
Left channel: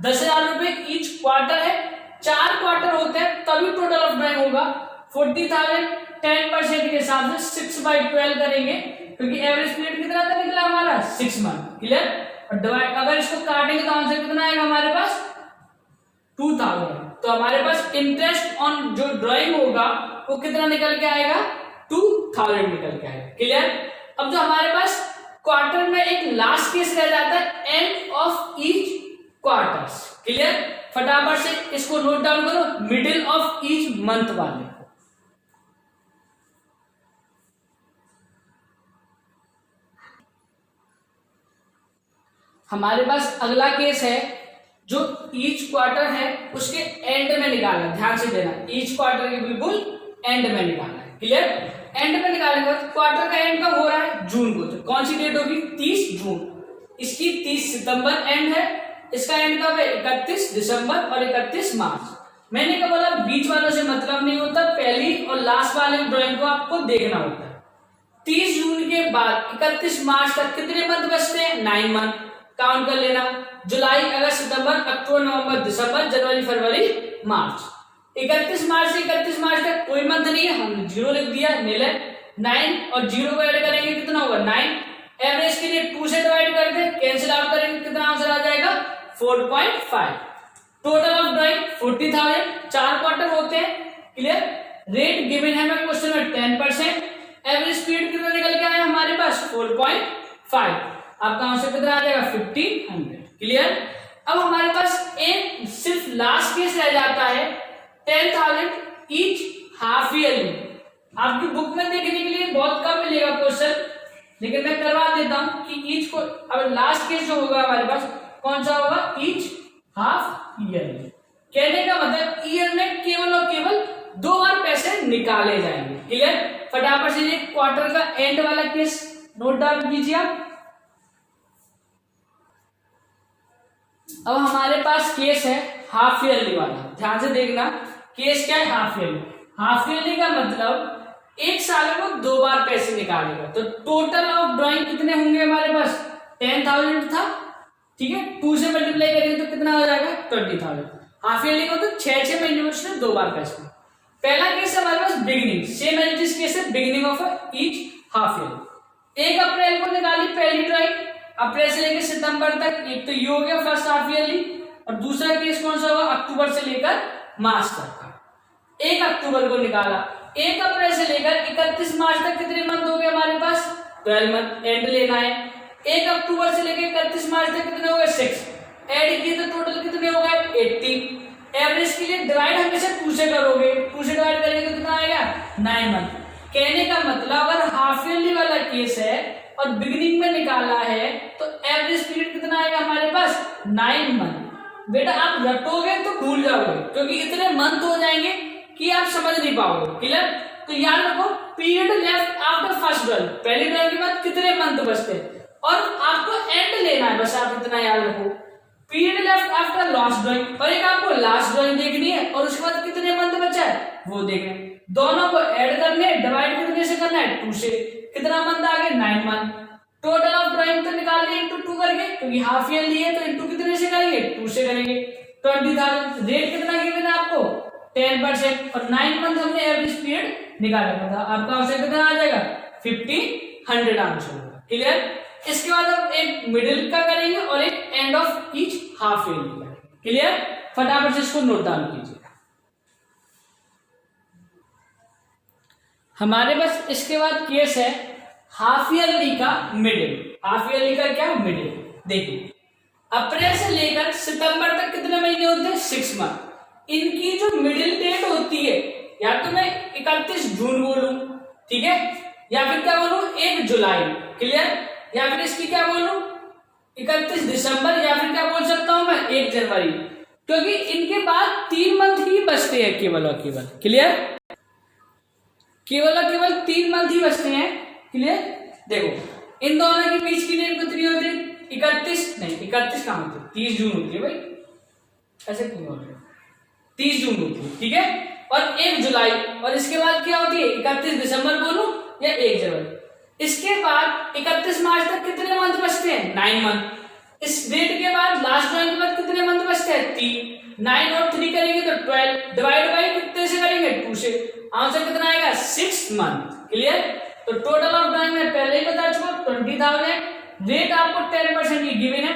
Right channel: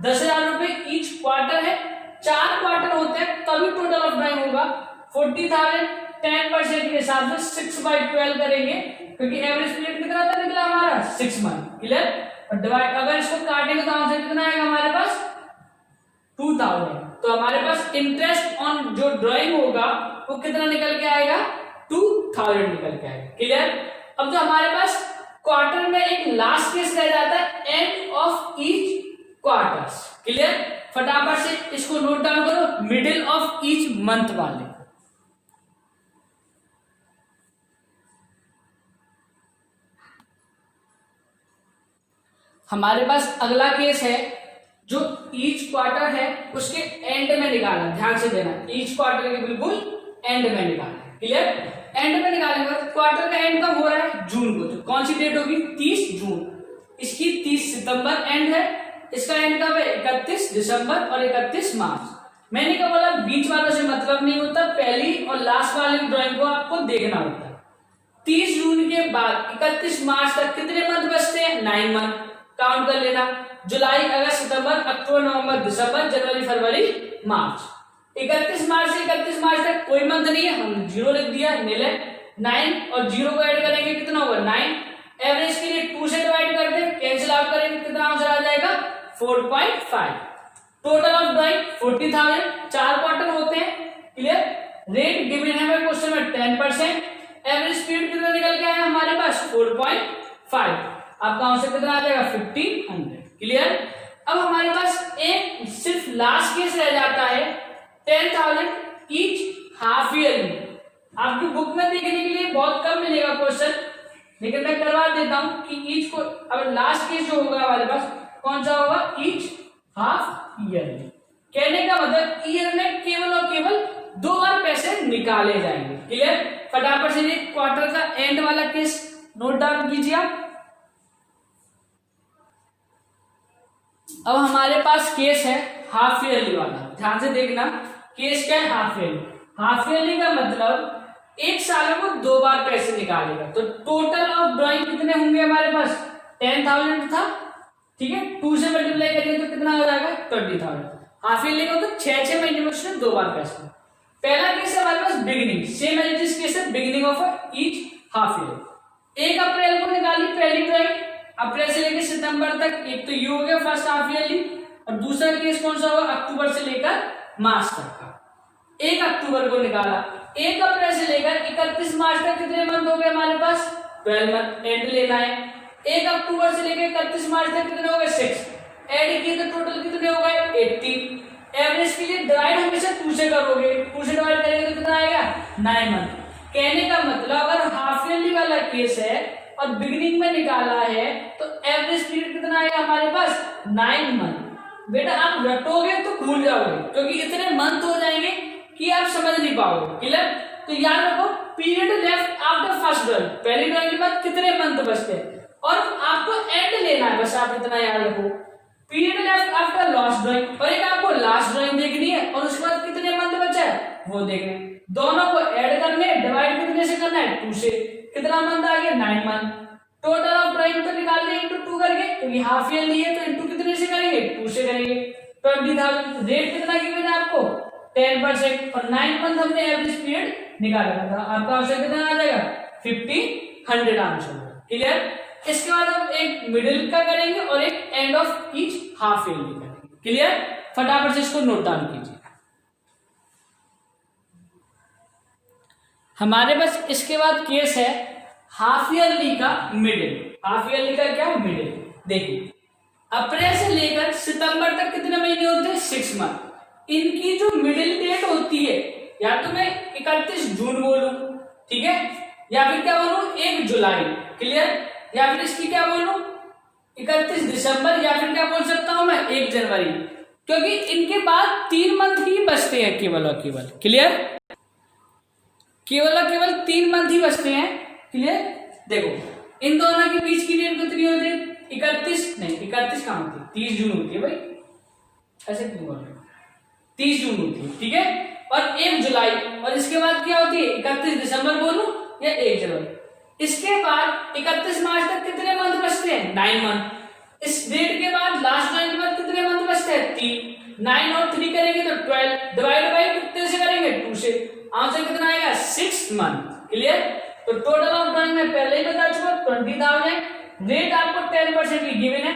10,000 रुपए ईच क्वार्टर है, 4 क्वार्टर होते हैं तभी टोटल ऑफ ड्राइंग होगा 40,000। 10% के हिसाब से 6/12 करेंगे, क्योंकि एवरेज पीरियड कितना था निकला हमारा 6 मंथ। क्लियर। और डिवाइड अगर इसको काटेंगे तो आंसर कितना आएगा हमारे पास 2,000। तो हमारे पास इंटरेस्ट ऑन जो ड्राइंग होगा वो कितना निकल के आएगा 2,000 निकल के आएगा। क्लियर। अब जो हमारे पास क्वार्टर में एक लास्ट केस रह जाता है end of each quarters. Clear. फटाफट से इसको नोट डाउन करो, मिडिल ऑफ ईच मंथ वाले। हमारे पास अगला केस है जो ईच क्वार्टर है उसके एंड में निकालना, ध्यान से देना, ईच क्वार्टर के बिल्कुल एंड में निकालना है। क्लियर। एंड में निकालने के बाद क्वार्टर का एंड कब हो रहा है जून को, तो कौन सी डेट होगी 30 जून। इसकी 30 सितंबर एंड है, इसका एंड कब है 31 दिसंबर और 31 मार्च। मैंने क्या बोला बीच वालों से मतलब नहीं होता, पहली और लास्ट वाले ड्राइंग को आपको देखना होता है। 30 जून के बाद 31 मार्च तक कितने मंथ बचते हैं 9 मंथ, काउंट कर लेना। जुलाई अगस्त सितंबर अक्टूबर नवंबर दिसंबर जनवरी फरवरी मार्च। 31 मार्च से 31 मार्च तक कोई मंथ नहीं है, हम 0 लिख दिया, नील है। 9 और 0 को ऐड करेंगे कितना होगा 9, एवरेज के लिए 2 से डिवाइड कर दे, कैंसिल आउट करेंगे कितना आंसर आ जाएगा 4.5। टोटल ऑफ ड्राइंग 40,000, 4 क्वार्टर होते हैं। क्लियर। रेट गिवन है हमें क्वेश्चन में 10%, एवरेज पीरियड कितना निकल के आया हमारे पास 4.5, आपका आंसर कितना आ जाएगा 1500। क्लियर। अब हमारे पास एक सिर्फ लास्ट केस रह जाता है 10,000 ईच हाफ ईयरली। आपकी बुक में देखने के लिए बहुत कम मिलेगा क्वेश्चन, लेकिन मैं करवा देता हूं कि ईच को अब लास्ट केस जो होगा हमारे पास कौन सा होगा ईच हाफ ईयरली। कहने का मतलब ईयर में केवल और केवल 2 बार पैसे निकाले जाएंगे। क्लियर। फटाफट से क्वार्टर का एंड वाला केस नोट डाउन कीजिए आप। अब हमारे पास केस है हाफ ईयरली वाला, ध्यान से देखना केस क्या है हाफ ईयरली। हाफ ईयरली का मतलब एक साल में वो 2 बार पैसे निकालेगा, तो टोटल ऑफ ड्राइंग कितने होंगे हमारे पास 10,000 था। ठीक है, 2 से मल्टीप्लाई करेंगे तो कितना हो जाएगा 20,000। हाफ ईयरली का तो 6 महीने में उसने 2 बार पैसे। पहला केस है हमारे पास beginning, same as this case है beginning of each half year. 1 अप्रैल को निकाली पहली ड्राइंग, अप्रैल से लेकर सितंबर तक, एक तो ये हो गया फर्स्ट हाफ ईयरली, और दूसरा केस कौन सा होगा अक्टूबर से लेकर मार्च तक का। 1 अक्टूबर को निकाला, 1 अप्रैल से लेकर 31 मार्च तक कितने मंथ हो गए हमारे पास 12 मंथ, एंड लेना है। 1 अक्टूबर से लेकर 31 मार्च तक कितने हो गए 6, ऐड किए तो टोटल कितने हो गए 80। एवरेज के लिए डिवाइड हमेशा 2 से करोगे, 2 से डिवाइड करेंगे तो कितना आएगा 9 मंथ। कहने का मतलब अगर हाफ ईयरली वाला केस है और बिगिनिंग में निकाला है तो एवरेज पीरियड कितना आएगा हमारे पास 9 मंथ। बेटा आप रटोगे तो भूल जाओगे क्योंकि इतने मंथ हो जाएंगे कि आप समझ नहीं पाओगे। क्लियर? तो याद रखो period left after first drawing, पहली ड्राइंग के बाद कितने मंथ बचते हैं और आपको एंड लेना है, बस आप इतना याद रखो। Period left after last drawing और एक आपको लास्ट ड्राइंग देखनी है और उसके बाद कितने मंथ बचा है वो देखना है। दोनों को ऐड करने, डिवाइड कितने से करना है 2 से, कितना मंथ आ गया 9 मंथ। टोटल ऑफ ड्राइंग तो निकाल लिया इंटू 2 करके क्योंकि हाफ ईयरली है तो इंटू कितने से करेंगे 2 से करेंगे। 20,000 रेट कितना गिवन है आपको 10% और 9 मंथ हमने एवरेज पीरियड निकाला था। आपका आंसर कितना आ जाएगा 50 आंसर होगा। क्लियर? इसके बाद हम एक मिडिल का करेंगे और एक end of each half yearly करेंगे। क्लियर? फटाफट से इसको नोट डाउन कीजिए। हमारे पास इसके बाद केस है हाफ ईयरली का मिडिल। हाफ ईयरली का क्या मिडिल? देखिए अप्रैल से लेकर सितंबर तक कितने महीने होते हैं 6 मंथ। इनकी जो मिडिल डेट होती है या तो मैं 31 जून बोलूं, ठीक है, या फिर क्या बोलूं 1 जुलाई। क्लियर? या फिर इसकी क्या बोलूं 31 दिसंबर या फिर क्या बोल सकता हूं मैं 1 जनवरी, क्योंकि इनके बाद 3 मंथ ही बचते हैं केवल और केवल। क्लियर? केवल और केवल 3 मंथ ही बचते हैं। क्लियर? देखो इन दोनों के बीच की डेट कितनी होती है 31 नहीं 31 कहां होती है 30 जून होती है भाई, ऐसे क्यों बोल रहे हो 30 जून होती है, ठीक है, और 1 जुलाई और इसके बाद क्या होती है 31 दिसंबर बोलूं या 1 जनवरी। इसके बाद 31 मार्च तक कितने मंथ बचते हैं 9 मंथ। इस डेट के बाद लास्ट ड्राइंग के बाद कितने मंथ बचते हैं 3। 9 और 3 करेंगे तो 12 डिवाइड बाई कितने से करेंगे 2 से। आंसर कितना आएगा 6 मंथ। क्लियर? तो टोटल ऑफ ड्राइंग में पहले ही बता चुका 20,000। रेट आपको 10% ही गिवन है।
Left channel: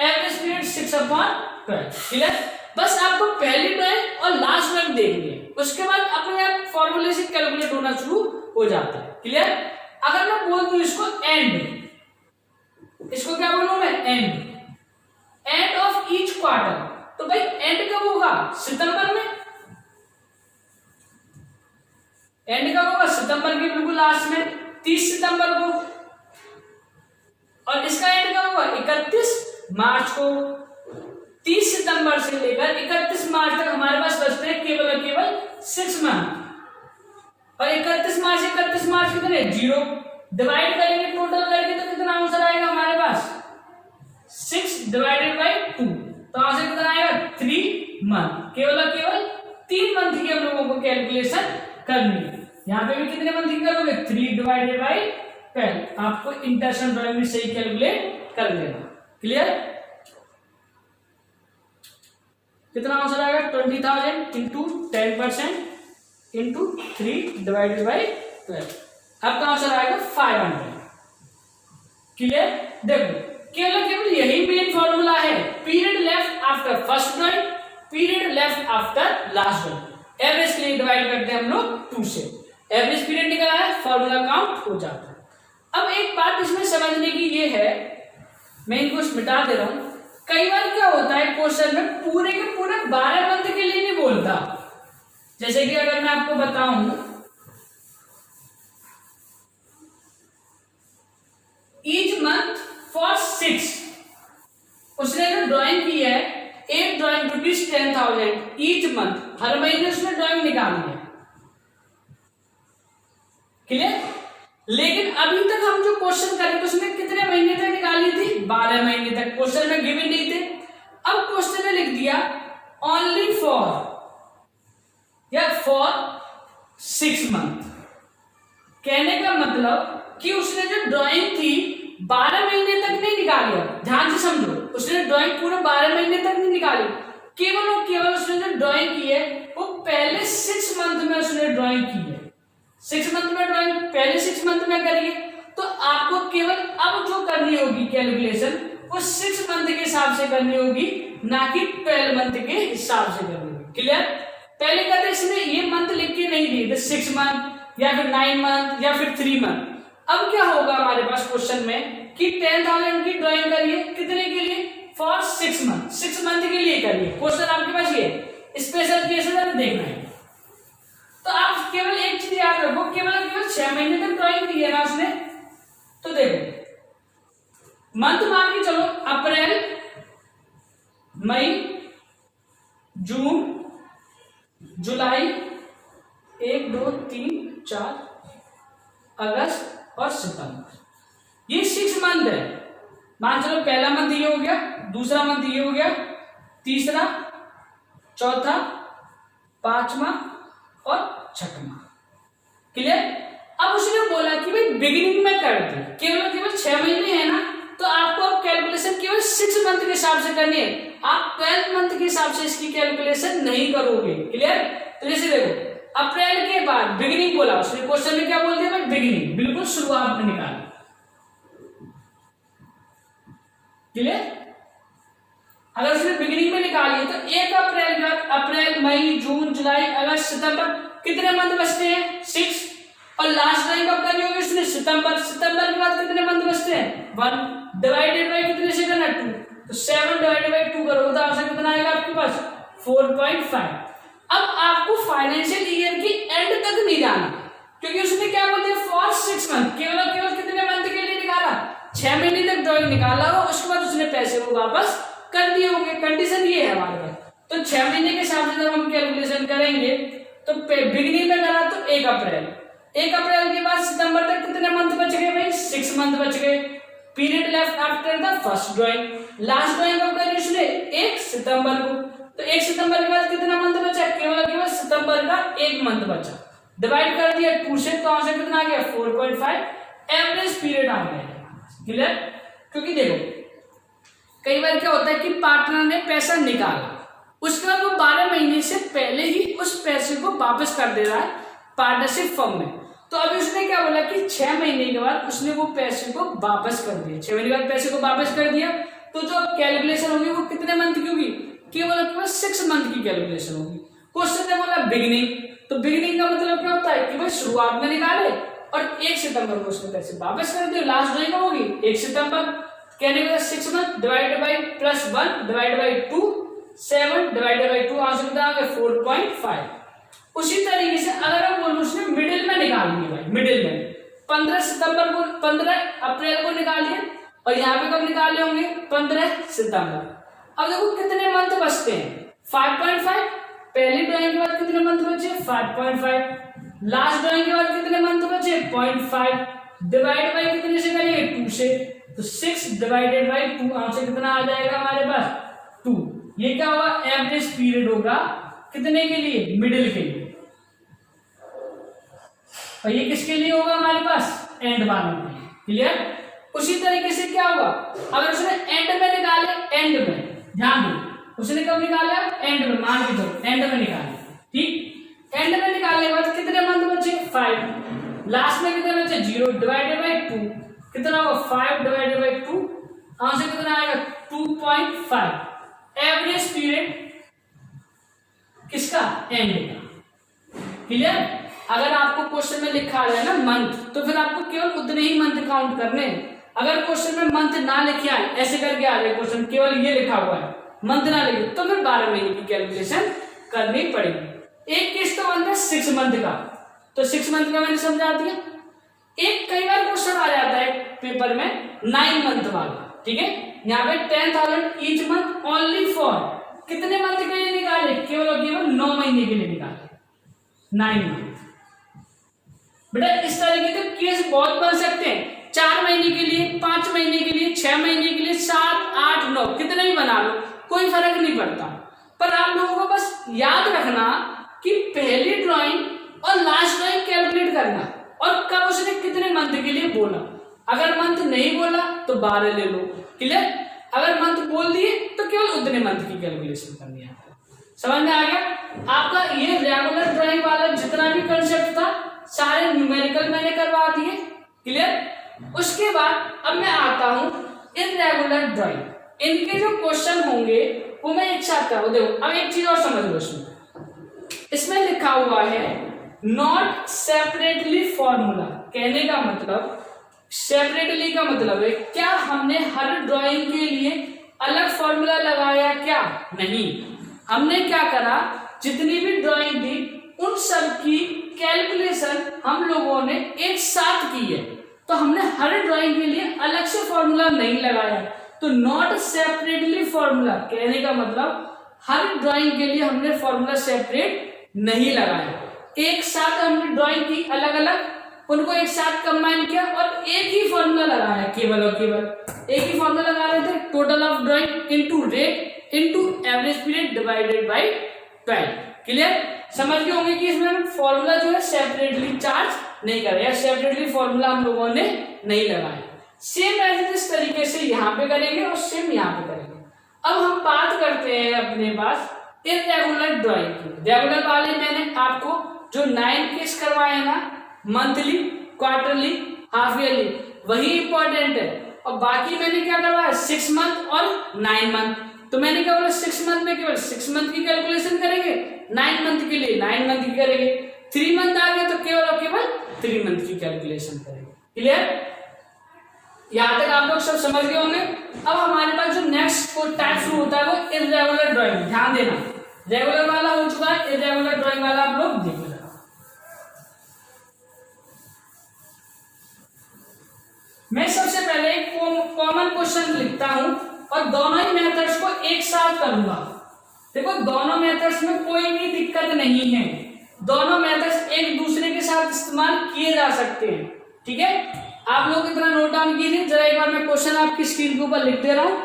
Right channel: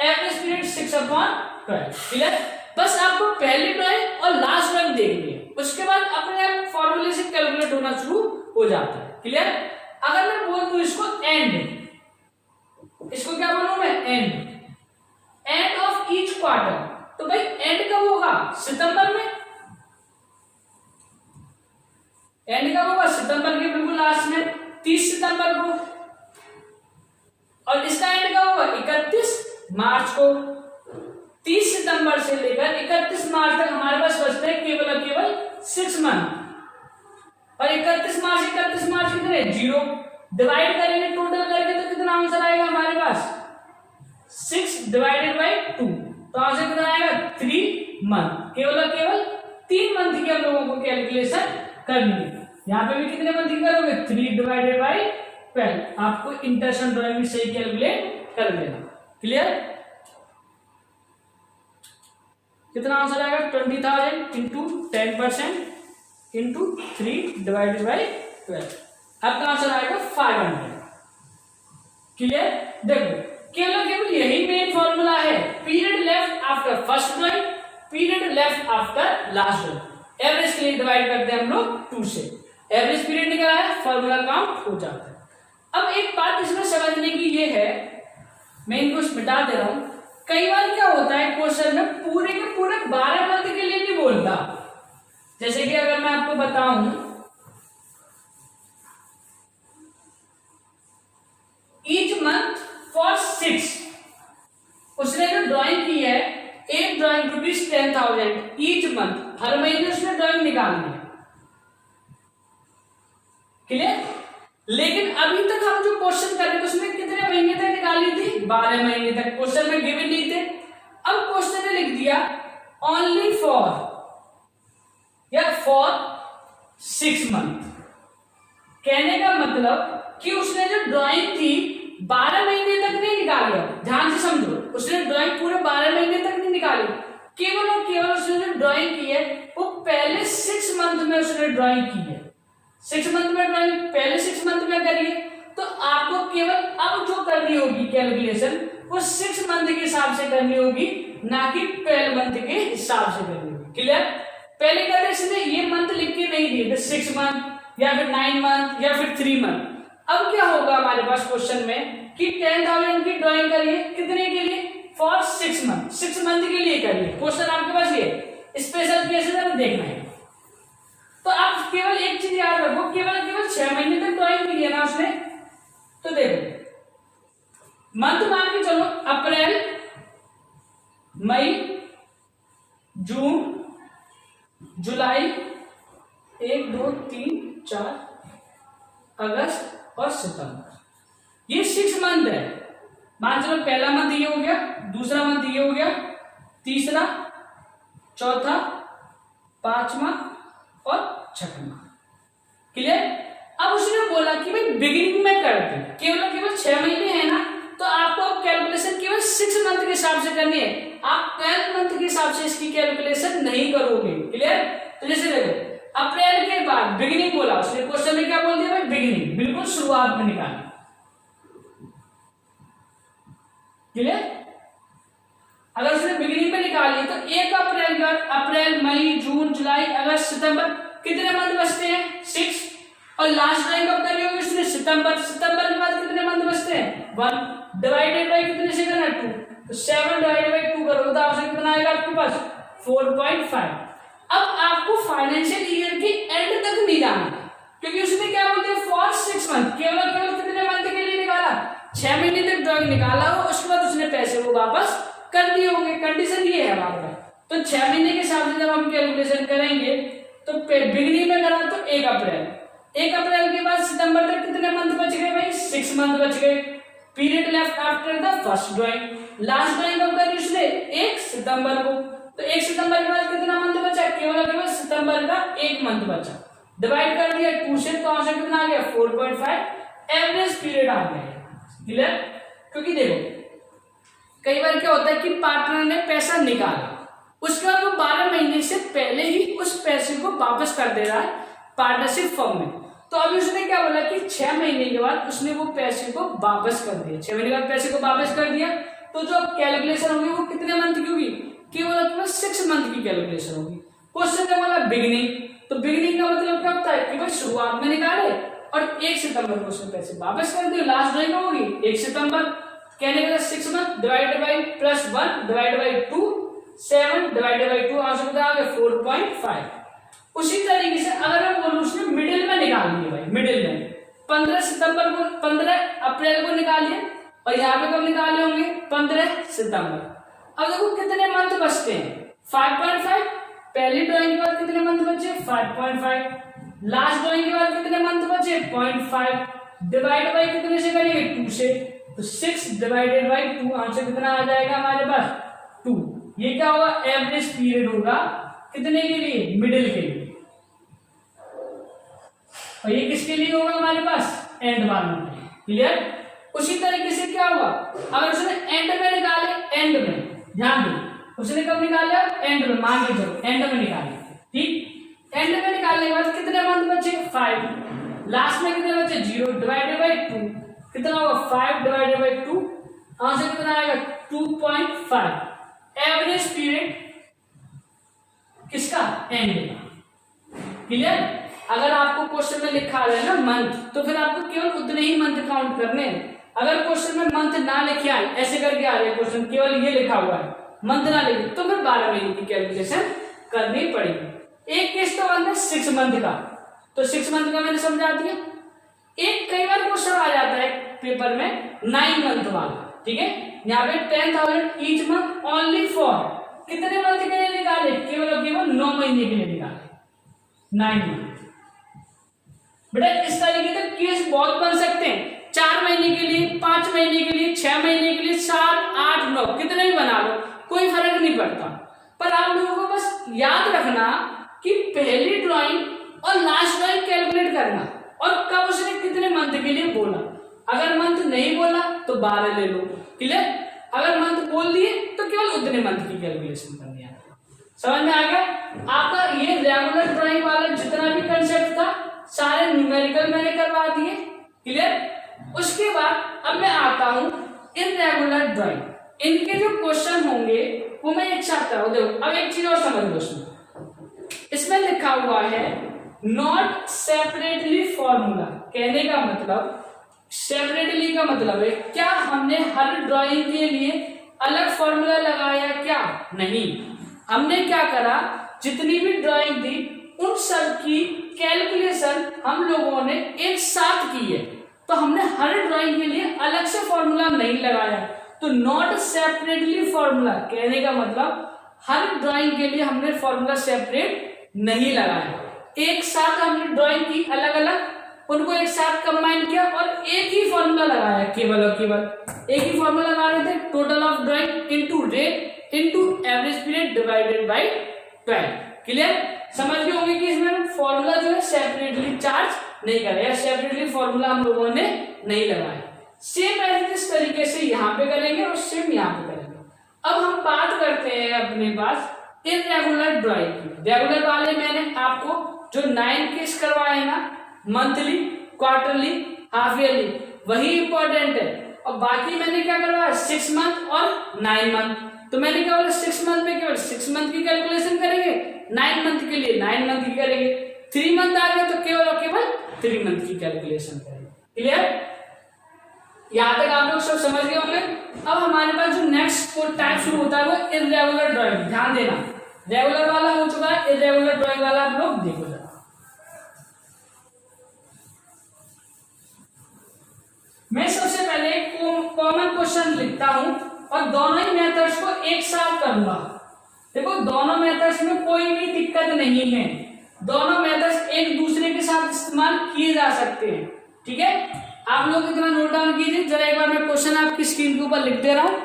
Average period 6/12। क्लियर? बस आपको पहली ड्राइंग और लास्ट ड्राइंग देखनी है, उसके बाद अपने आप फॉर्मूले से कैलकुलेट होना शुरू हो जाता है। क्लियर? अगर मैं बोल दूं इसको एंड, इसको क्या बोलूं मैं एंड ऑफ ईच क्वार्टर, तो भाई एंड कब होगा सितंबर में। एंड कब होगा सितंबर के बिल्कुल लास्ट में 30 सितंबर को, और इसका एंड कब होगा 31 मार्च को। 30 सितंबर से लेकर 31 मार्च तक हमारे पास बचते हैं केवल और केवल 6 मंथ। और 31 मार्च कितने 0 डिवाइड करेंगे टोटल करके तो कितना आंसर आएगा हमारे पास 6 डिवाइडेड बाई 2, तो आंसर कितना आएगा 3 मंथ। केवल और केवल 3 मंथ की हम लोगों को कैलकुलेशन करनी है। यहाँ पे भी कितने मंथ की करोगे 3 डिवाइडेड बाई 12। आपको इंटरसेक्शन ड्राइंग में सही कैलकुलेट कर लेना। क्लियर? कितना आंसर आएगा 20,000 इंटू 10% इंटू 3 डिवाइडेड बाई 12। आपका आंसर आएगा 500। क्लियर? देखो केवल केवल यही मेन फॉर्मूला है। Period left after first drawing, period left after last drawing. Average के लिए डिवाइड करते हैं हम लोग 2 से। एवरेज पीरियड निकला है, फॉर्मूला काउंट हो जाता है। अब एक बात इसमें समझने की ये है, मैं इनको मिटा दे रहा हूं। कई बार क्या होता है क्वेश्चन में पूरे के पूरे 12 मंथ के लिए नहीं बोलता। जैसे कि अगर मैं आपको बताऊं ईच मंथ फॉर 6, उसने जो ड्राइंग की है एक ड्राइंग ₹10,000 ईच मंथ, हर महीने उसने ड्राइंग निकालनी है। क्लियर? लेकिन अभी तक हम जो क्वेश्चन कर रहे थे उसमें कितने महीने तक निकाली थी 12 महीने तक। क्वेश्चन में गिवन नहीं थे। अब क्वेश्चन में लिख दिया ओनली फॉर या फॉर 6 मंथ। कहने का मतलब कि उसने जो ड्राइंग थी 12 महीने तक नहीं निकाली। ध्यान से समझो, उसने ड्राइंग पूरे 12 महीने तक नहीं निकाली। केवल और केवल उसने जो ड्राइंग की है वो पहले 6 मंथ में उसने ड्राइंग की है। 6 मंथ में ड्राइंग पहले 6 मंथ में करिए तो आपको केवल अब जो करनी होगी कैलकुलेशन वो 6 मंथ के हिसाब से करनी होगी, ना कि 12 मंथ के हिसाब से करनी होगी। क्लियर? पहले क्या था इसने ये मंथ लिख के नहीं दिए थे 6 मंथ या फिर 9 मंथ या फिर 3 मंथ। अब क्या होगा हमारे पास क्वेश्चन में कि 10,000 की ड्राइंग करिए कितने के लिए फॉर 6 मंथ, 6 मंथ के लिए करिए। क्वेश्चन आपके पास ये स्पेशल केसेस हमें देखना है। तो आप केवल एक चीज याद रखो, केवल 6 महीने तक ड्राइंग की है ना उसने। तो देखो मंथ मान के चलो अप्रैल, मई, जून, जुलाई, 1 2 3 4, अगस्त और सितंबर, ये 6 मंथ है। मान चलो पहला मंथ ये हो गया, दूसरा मंथ ये हो गया, तीसरा, चौथा, पांचवा और छठवां। क्लियर? अब उसने बोला कि भाई बिगिनिंग में कर दे, केवल 6 महीने है ना, तो आपको अब कैलकुलेशन केवल 6 मंथ के हिसाब से करनी है। आप 12 मंथ के हिसाब से इसकी कैलकुलेशन नहीं करोगे। क्लियर? तो जैसे देखो अप्रैल के बाद बिगिनिंग बोला उसने, क्वेश्चन में क्या बोल दिया भाई बिगिनिंग, बिल्कुल शुरुआत में निकाला। क्लियर? अगर उसने बिगिनिंग में निकाली तो 1 अप्रैल के बाद अप्रैल, मई, जून, जुलाई, अगस्त, सितंबर, कितने मंथ बचते हैं? 6। और लास्ट टाइम कब करनी होगी उसने? सितंबर। सितंबर के बाद कितने मंथ बचते हैं? 1 डिवाइडेड बाय कितने से करना है? 2। तो 7 डिवाइडेड बाय 2 करोगे तो आपसे कितना आएगा आपके पास? 4.5। अब आपको फाइनेंशियल ईयर की एंड तक नहीं जाना, क्योंकि उसने क्या बोल दिया फॉर 6 मंथ, केवल कितने मंथ के लिए निकाला? 6 महीने तक ड्राइंग निकाला हो, उसके बाद उसने पैसे को वापस कर दिए होंगे। कंडीशन ये है हमारे पास। तो 6 महीने के हिसाब से जब हम कैलकुलेशन करेंगे तो बिगिनिंग में करा तो 1 अप्रैल, 1 अप्रैल के बाद सितंबर तक कितने मंथ बच गए भाई? 6 मंथ बच गए। Period left after the first drawing. Last drawing कब करनी उसने? 1 सितंबर को। तो 1 सितंबर के बाद कितना मंथ बचा? केवल सितंबर का 1 मंथ बचा। डिवाइड कर दिया 2 से, तो आंसर कितना आ गया? 4.5 एवरेज पीरियड आ गया। क्लियर? क्योंकि देखो कई बार क्या होता है कि पार्टनर ने पैसा निकाला, उसके बाद वो 12 महीने से पहले ही उस पैसे को वापस कर दे रहा है पार्टनरशिप फर्म में। तो अभी उसने क्या बोला कि 6 महीने के बाद उसने वो पैसे को वापस कर दिया। 6 महीने के बाद पैसे को वापस कर दिया, तो जो कैलकुलेशन होगी वो कितने मंथ की होगी? केवल 6 मंथ की कैलकुलेशन होगी। क्वेश्चन ने बोला बिगिनिंग, तो बिगिनिंग का मतलब क्या होता है कि वो शुरुआत में निकाले और 1 सितंबर को उसने पैसे वापस कर दिए। लास्ट जो है होगी 1 सितंबर, कहने का 6 month divided by +1 divided by 2, 7 divided by 2, answer कितना आ गया? 4.5। उसी तरीके से अगर मैं बोलूं उसने मिडिल में निकाल लिए भाई, मिडिल में 15 अप्रैल को निकालिए और यहाँ पे कब निकाले होंगे? 15 सितंबर। अब देखो कितने मंथ बचते हैं? 5.5। पहली ड्राइंग के बाद कितने मंथ बचे? 5.5। लास्ट ड्राइंग के बाद कितने मंथ बचे? 0.5। डिवाइड बाय कितने से करेंगे? 2 से, तो 6 डिवाइडेड बाय 2, आंसर कितना आ जाएगा हमारे पास? 2। ये क्या होगा? एवरेज पीरियड होगा कितने के लिए? मिडिल के लिए। और ये किसके लिए होगा हमारे पास? एंड वालों के लिए। क्लियर? उसी तरीके से क्या होगा अगर उसने एंड में निकाले, एंड में ध्यान दो, उसने कब निकाला? एंड में, मान के चलो एंड में निकाले। ठीक, एंड में निकालने के बाद कितने मंथ बचे? 5। लास्ट में कितने बचे? 0 डिवाइडेड बाय 2, कितना होगा? 5 डिवाइडेड बाय 2, आंसर कितना आएगा? 2.5 एवरेज पीरियड किसका? एंड का। क्लियर? अगर आपको क्वेश्चन में लिखा है ना मंथ, तो फिर आपको केवल उतने ही मंथ काउंट करने हैं। अगर क्वेश्चन में मंथ ना लिखे आए, ऐसे करके आ रहे क्वेश्चन, केवल ये लिखा हुआ है मंथ ना लिखे, तो फिर 12 महीने की कैलकुलेशन करनी पड़ेगी। एक केस तो बनता है 6 मंथ का, तो 6 मंथ का मैंने समझा दिया। एक कई बार क्वेश्चन आ जाता है पेपर में 9 मंथ वाला, ठीक है, यहाँ पे 10,000 ईच मंथ ओनली फॉर कितने मंथ के लिए निकाले? केवल 9 महीने के लिए निकाले, 9 मंथ। बेटा इस तरीके से केस बहुत बन सकते हैं, 4 महीने के लिए, 5 महीने के लिए, 6 महीने के लिए, 7, 8, 9 कितने भी बना लो, कोई फर्क नहीं पड़ता। पर आप लोगों को बस याद रखना कि पहली ड्राइंग और लास्ट ड्राइंग कैलकुलेट करना और कब उसने कितने मंथ के लिए बोला। अगर मंथ नहीं बोला तो 12 ले लो। क्लियर? अगर मंथ बोल दिए तो केवल उतने मंथ की कैलकुलेशन करनी है। समझ में आ गया? आपका ये रेगुलर ड्राइंग वाला जितना भी कंसेप्ट था सारे न्यूमेरिकल मैंने करवा दिए। क्लियर? उसके बाद अब मैं आता हूं इररेगुलर ड्राइंग। इनके जो क्वेश्चन होंगे वो मैं एक साथ करूँ। देखो अब एक चीज और समझ लो, इसमें लिखा हुआ है नॉट सेपरेटली फॉर्मूला। कहने का मतलब सेपरेटली का मतलब है क्या हमने हर ड्राइंग के लिए अलग फॉर्मूला लगाया क्या? नहीं, हमने क्या करा, जितनी भी ड्राइंग थी उन सब की कैलकुलेशन हम लोगों ने एक साथ की है। तो हमने हर ड्राइंग के लिए अलग से फॉर्मूला नहीं लगाया। तो नॉट सेपरेटली फॉर्मूला कहने का मतलब हर ड्राइंग के लिए हमने फॉर्मूला सेपरेट नहीं लगाया, एक साथ हमने ड्राइंग की अलग अलग, उनको एक साथ कंबाइन किया और एक ही फॉर्मूला लगाया, केवल और केवल एक ही फॉर्मूला लगा रहे थे, total of drawing into rate into average period divided by 12। Clear? समझ गए होंगे कि इसमें फॉर्मूला जो है सेपरेटली चार्ज नहीं कर रहे, सेपरेटली फॉर्मूला हम लोगों ने नहीं लगाया। सेम एज इस तरीके से यहाँ पे करेंगे और सेम यहाँ पे करेंगे। अब हम बात करते हैं अपने पास इरेगुलर ड्राइंग की। रेगुलर वाले मैंने आपको जो 9 केस करवाए ना, मंथली, क्वार्टरली, हाफ ईयरली, वही इंपॉर्टेंट है। और बाकी मैंने क्या करवाया, 6 मंथ और 9 मंथ। तो मैंने क्या बोला, 6 मंथ में केवल 6 मंथ की कैलकुलेशन करेंगे, 9 मंथ के लिए 9 मंथ की करेंगे, 3 मंथ आ गया तो केवल और केवल 3 मंथ की कैलकुलेशन करेंगे। क्लियर? यहां तक आप लोग सब समझ गए होंगे। अब हमारे पास जो नेक्स्ट टाइप शुरू होता है वो इरेगुलर ड्राइंग। ध्यान देना, रेगुलर वाला हो चुका है, इरेगुलर ड्राइंग वाला आप लोग देखो जरा। मैं सबसे पहले कॉमन क्वेश्चन लिखता हूं और दोनों ही मेथड्स को एक साथ करूंगा। देखो, दोनों मेथड्स में कोई भी दिक्कत नहीं है, दोनों मेथड्स एक दूसरे के साथ इस्तेमाल किए जा सकते हैं। ठीक है, आप लोग इतना नोट डाउन कीजिए जरा, एक बार मैं क्वेश्चन आपकी स्क्रीन के ऊपर लिख दे रहा हूं।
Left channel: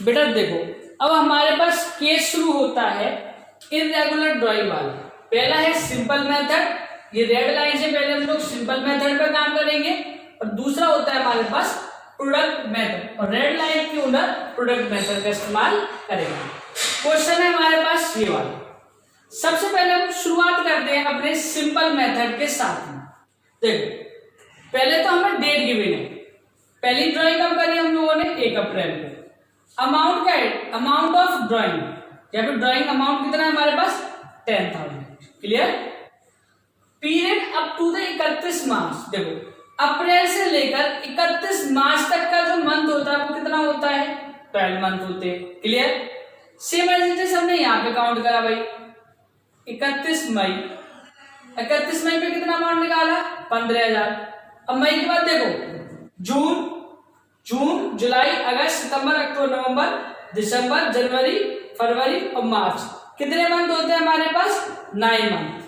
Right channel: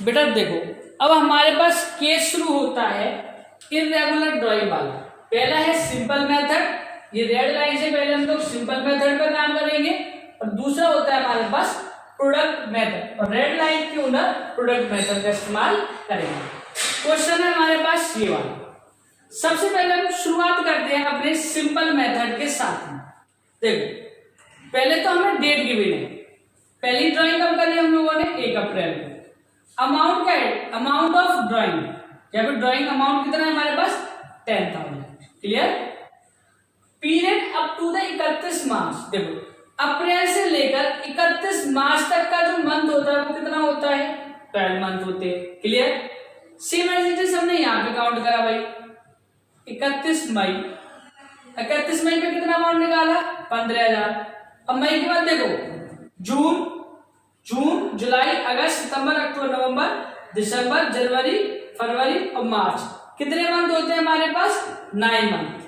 बेटा देखो, अब हमारे पास केस शुरू होता है इरेगुलर ड्राइंग वाला। पहला है सिंपल मेथड, ये रेड लाइन से पहले हम लोग सिंपल मेथड पे काम करेंगे, और दूसरा होता है हमारे पास प्रोडक्ट मेथड, और रेड लाइन के अंदर प्रोडक्ट मेथड का इस्तेमाल करेंगे। क्वेश्चन है हमारे पास ये वाला। सबसे पहले हम शुरुआत करते हैं अपने सिंपल मेथड के साथ में। देखो, पहले तो हमें डेट गिवन है, पहली ड्राइंग कब करी हम लोगों ने, 1 अप्रैल को। अमाउंट का है, अमाउंट ऑफ ड्राइंग, यहाँ पे ड्राइंग अमाउंट कितना है हमारे पास, 10,000। Clear? Period up to the 31 March. देखो, अप्रैल से लेकर 31 मार्च तक का जो मंथ होता है वो कितना होता है, 12 मंथ होते हैं। क्लियर? सेम एज हमने यहाँ पे काउंट करा भाई, 31 मई, 31 मई पे कितना अमाउंट निकाला, 15,000। अब मई के बाद देखो, जून, जुलाई, अगस्त, सितंबर, अक्टूबर, नवंबर, दिसंबर, जनवरी, फरवरी और मार्च, कितने मंथ होते हैं हमारे पास, 9 मंथ।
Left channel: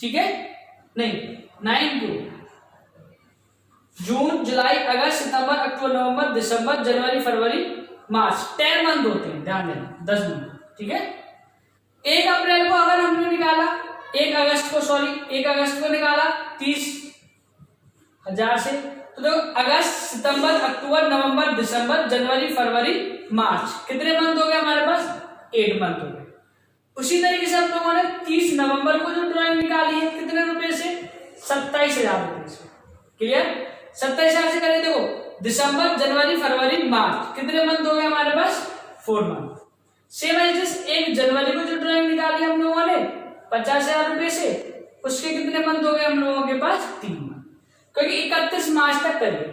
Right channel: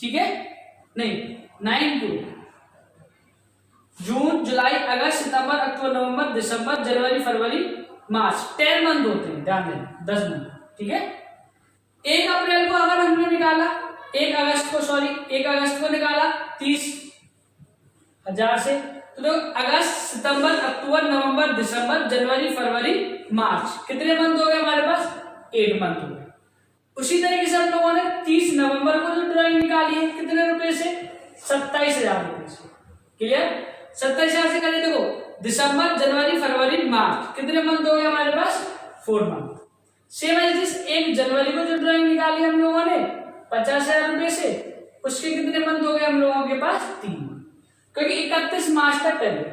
ठीक है, नहीं 9 to June, July, August, September, October, November, December, January, February, March, 10 month होते हैं। ध्यान देना, 10 मंथ। ठीक है, 1 अप्रैल को अगर हमने निकाला, 1 अगस्त को निकाला 30,000 से, तो देखो अगस्त, सितंबर, अक्टूबर, नवंबर, दिसंबर, जनवरी, फरवरी, मार्च, कितने मंथ हो गए हमारे पास, 8 मंथ हो गए। उसी तरीके से हम लोगों ने 30 नवंबर को जो ड्राइंग निकाली है, कितने रुपए से, 27,000 रुपए से। क्लियर? 27,000 से करें, देखो दिसंबर, जनवरी, फरवरी, मार्च, कितने मंथ हो गए हमारे पास, 4 मंथ। सेम एज 1 जनवरी को जो ड्राइंग निकाली हम लोगों ने 50,000 रुपए से, उसके कितने मंथ हो गए हम लोगों के पास, 3 मंथ, क्योंकि 31 मार्च तक करिए।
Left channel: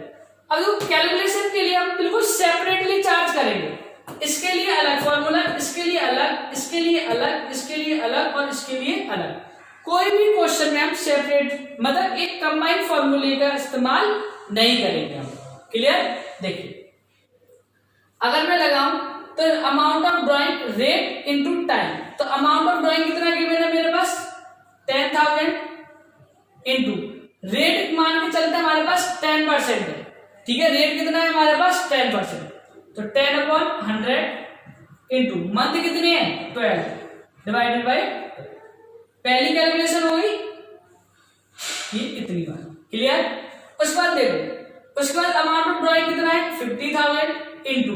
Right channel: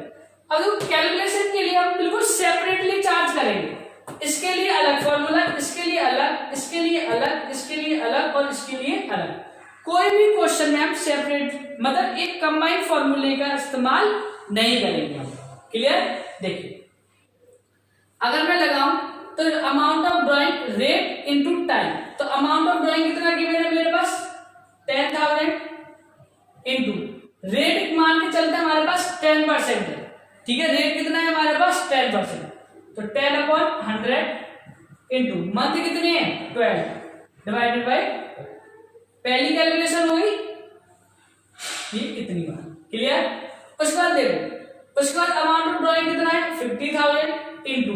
अब कैलकुलेशन के लिए हम बिल्कुल सेपरेटली चार्ज करेंगे, इसके लिए अलग फॉर्मूला, इसके लिए अलग, इसके लिए अलग, इसके लिए अलग और इसके लिए अलग। कोई भी क्वेश्चन में हम सेपरेट मतलब एक कंबाइंड फॉर्मूले का इस्तेमाल नहीं करेंगे। क्लियर? देखिए, अगर मैं लगाऊं तो amount of drawing rate into time, तो अमाउंट ऑफ ड्राइंग कितना गिवन है मेरे पास, 10,000 इनटू रेट मान के चलते हमारे पास 10% है। ठीक है, रेट कितना है हमारे पास, 10%, तो 10/100 इनटू मंथ कितने हैं, 12 डिवाइडेड बाय, पहली कैलकुलेशन होगी ये इतनी बार। क्लियर? उसके बाद देखो, उसके बाद अमाउंट ऑफ ड्राइंग कितना है, 50,000 इनटू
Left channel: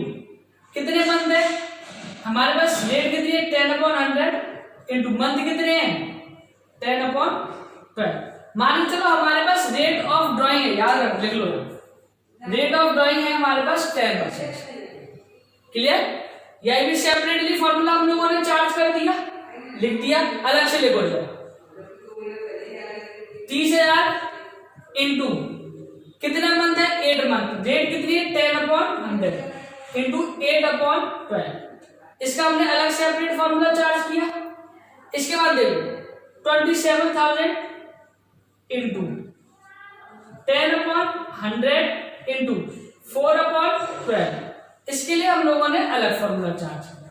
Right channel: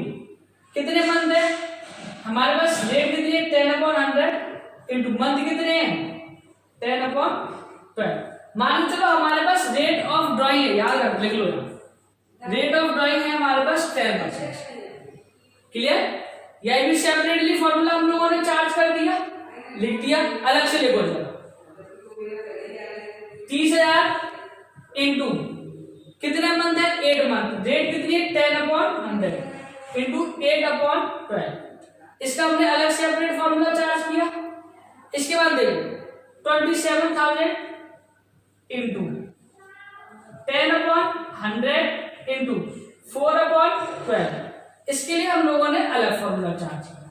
कितने मंथ है हमारे पास, रेट कितनी है, 10/100 इनटू मंथ कितने हैं, 10/12। मान चलो हमारे पास रेट ऑफ ड्राइंग है, याद रख, लिख लो, रेट ऑफ ड्राइंग है हमारे पास 10%। क्लियर? यही भी सेपरेटली फॉर्मूला हम लोगों ने चार्ज कर दिया, लिख दिया, अलग से लिखो जरा, 30,000 इनटू कितने मंथ है, 8 मंथ। रेट कितनी है, 10/100 इंटू 8/12। इसका हमने अलग सेपरेट फॉर्मूला चार्ज किया। इसके बाद देखो 27,000 इंटू 10/100 इंटू 4/12। इसके लिए हम लोगों ने अलग फॉर्मूला चार्ज किया।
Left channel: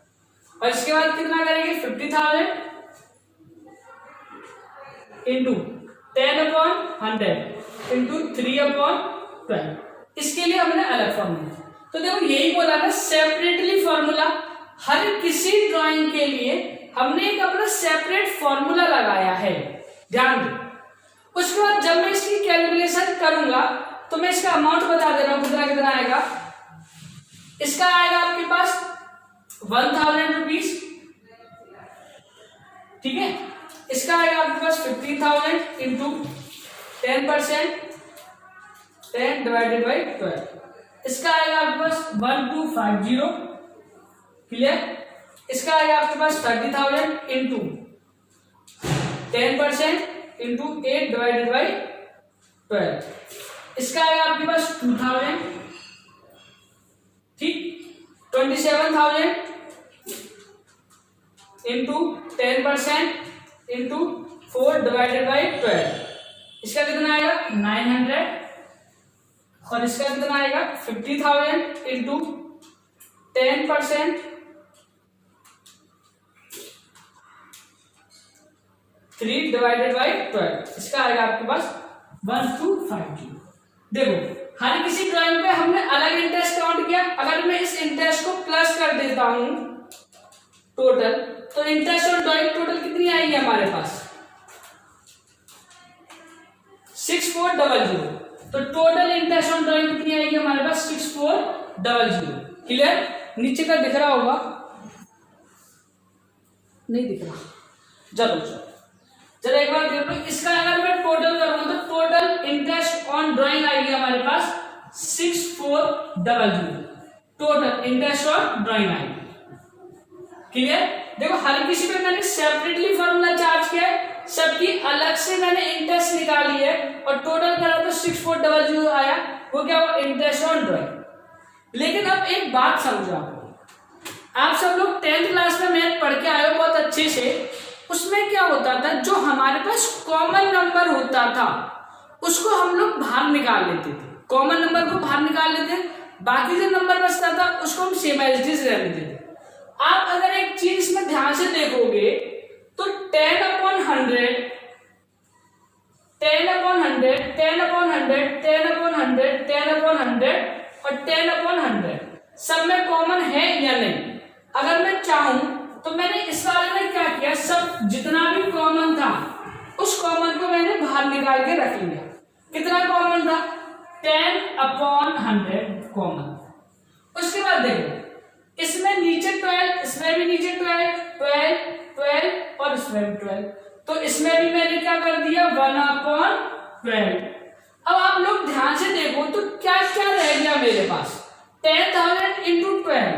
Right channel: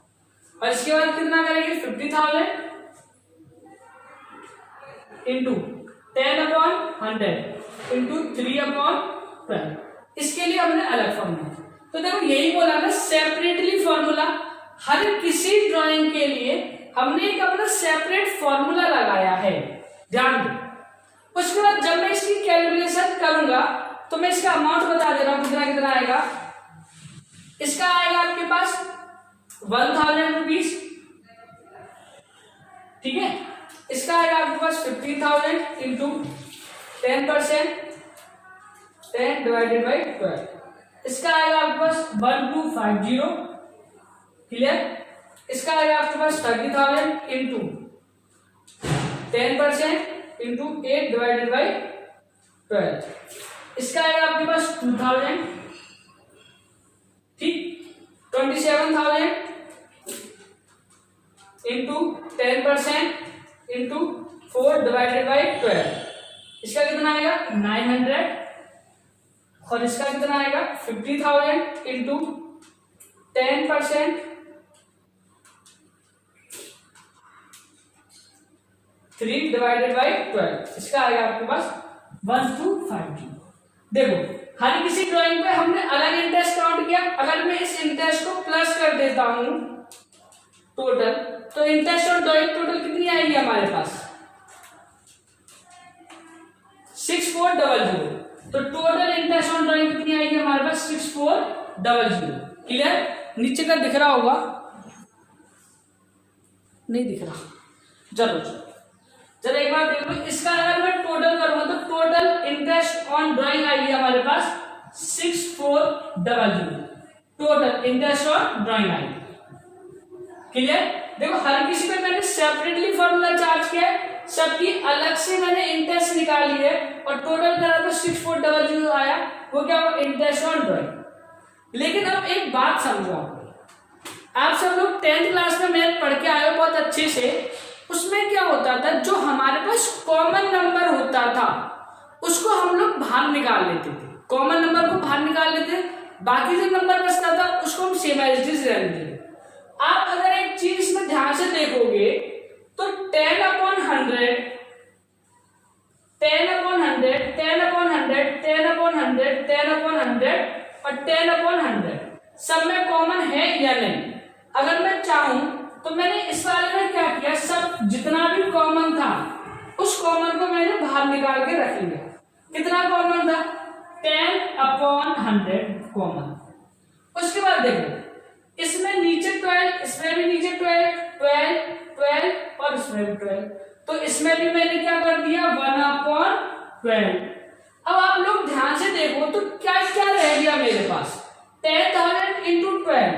और इसके बाद कितना करेंगे, 50,000 इंटू 10/100 इंटू 3/12। इसके लिए हमने अलग फॉर्मूला। तो देखो यही बोला ना, सेपरेटली फॉर्मूला। हर किसी ड्राइंग के लिए हमने एक अपना सेपरेट फॉर्मूला लगाया है, ध्यान दो। उसके बाद जब मैं इसकी कैलकुलेशन करूंगा तो मैं इसका अमाउंट बता दे रहा हूं कितना कितना आएगा। इसका आएगा आपके पास 1,000 रुपीज, ठीक है। इसका आएगा आपके पास 50,000 इंटू 10%, 10 डिवाइडेड बाई 12। इसका आएगा आपके पास 1250, क्लियर। इसका आएगा आपके पास 30,000 इंटू 10% इंटू 8 डिवाइडेड बाई 12। इसका आएगा आपके पास 2,000, ठीक। 27,000 इंटू 10% इंटू 4 डिवाइडेड बाई 12। इसका कितना आएगा 900। और इसका कितना आएगा 50,000 इंटू 10%, 3 डिवाइडेड बाई 12। इसका आएगा आपके पास 1250। देखो हर किसी ड्राइंग पे हमने अलग इंटरेस्ट काउंट किया। अगर मैं इस इंटरेस्ट को प्लस कर देता हूं टोटल, तो इंटरेस्ट और ड्राइंग टोटल कितनी आएगी हमारे पास 6400। तो टोटल इंटरेस्ट ऑन ड्राइंग कितनी आएगी हमारे पास 6400, क्लियर। नीचे का दिख रहा होगा, नहीं दिख रहा, जरूर जरा एक बार देखो। इसका अगर मैं टोटल करूंगा तो टोटल इंटरेस्ट ऑन ड्राइंग आएगी हमारे पास 6400, टोटल इंटरेस्ट ऑन ड्राइंग आएगी, क्लियर। देखो हर किसी पे मैंने सेपरेटली फॉर्मूला चार्ज किया है, सबकी अलग से मैंने इंटरेस्ट निकाली है और टोटल करा तो 6400 आया। वो क्या हुआ, इंटरेस्ट ऑन ड्राइंग। लेकिन अब एक बात समझो, आप सब लोग 10th क्लास में मैथ पढ़ के आए हो बहुत अच्छे से। उसमें क्या होता था, जो हमारे पास कॉमन नंबर होता था उसको हम लोग बाहर निकाल लेते थे, कॉमन नंबर को बाहर निकाल लेते, बाकी जो नंबर बचता था उसको हम सेम एज इट इज रहने देते। आप अगर एक चीज इसमें ध्यान से देखोगे तो 10/100, 10/100, 10/100, 10/100, 10/100 और 10/100 सब में कॉमन है या नहीं। अगर मैं चाहूं तो मैंने इस वाले में क्या किया, सब जितना भी कॉमन था उस कॉमन को मैंने बाहर निकाल के रख लिया। कितना कॉमन था 10/100 कॉमन। उसके बाद देखो इसमें नीचे 12, इसमें भी नीचे 12, 12, 12 और इसमें भी 12, तो इसमें भी मैंने क्या कर दिया 1/12। अब आप लोग ध्यान से देखो तो क्या क्या रह गया मेरे पास 10,000 इंटू 12,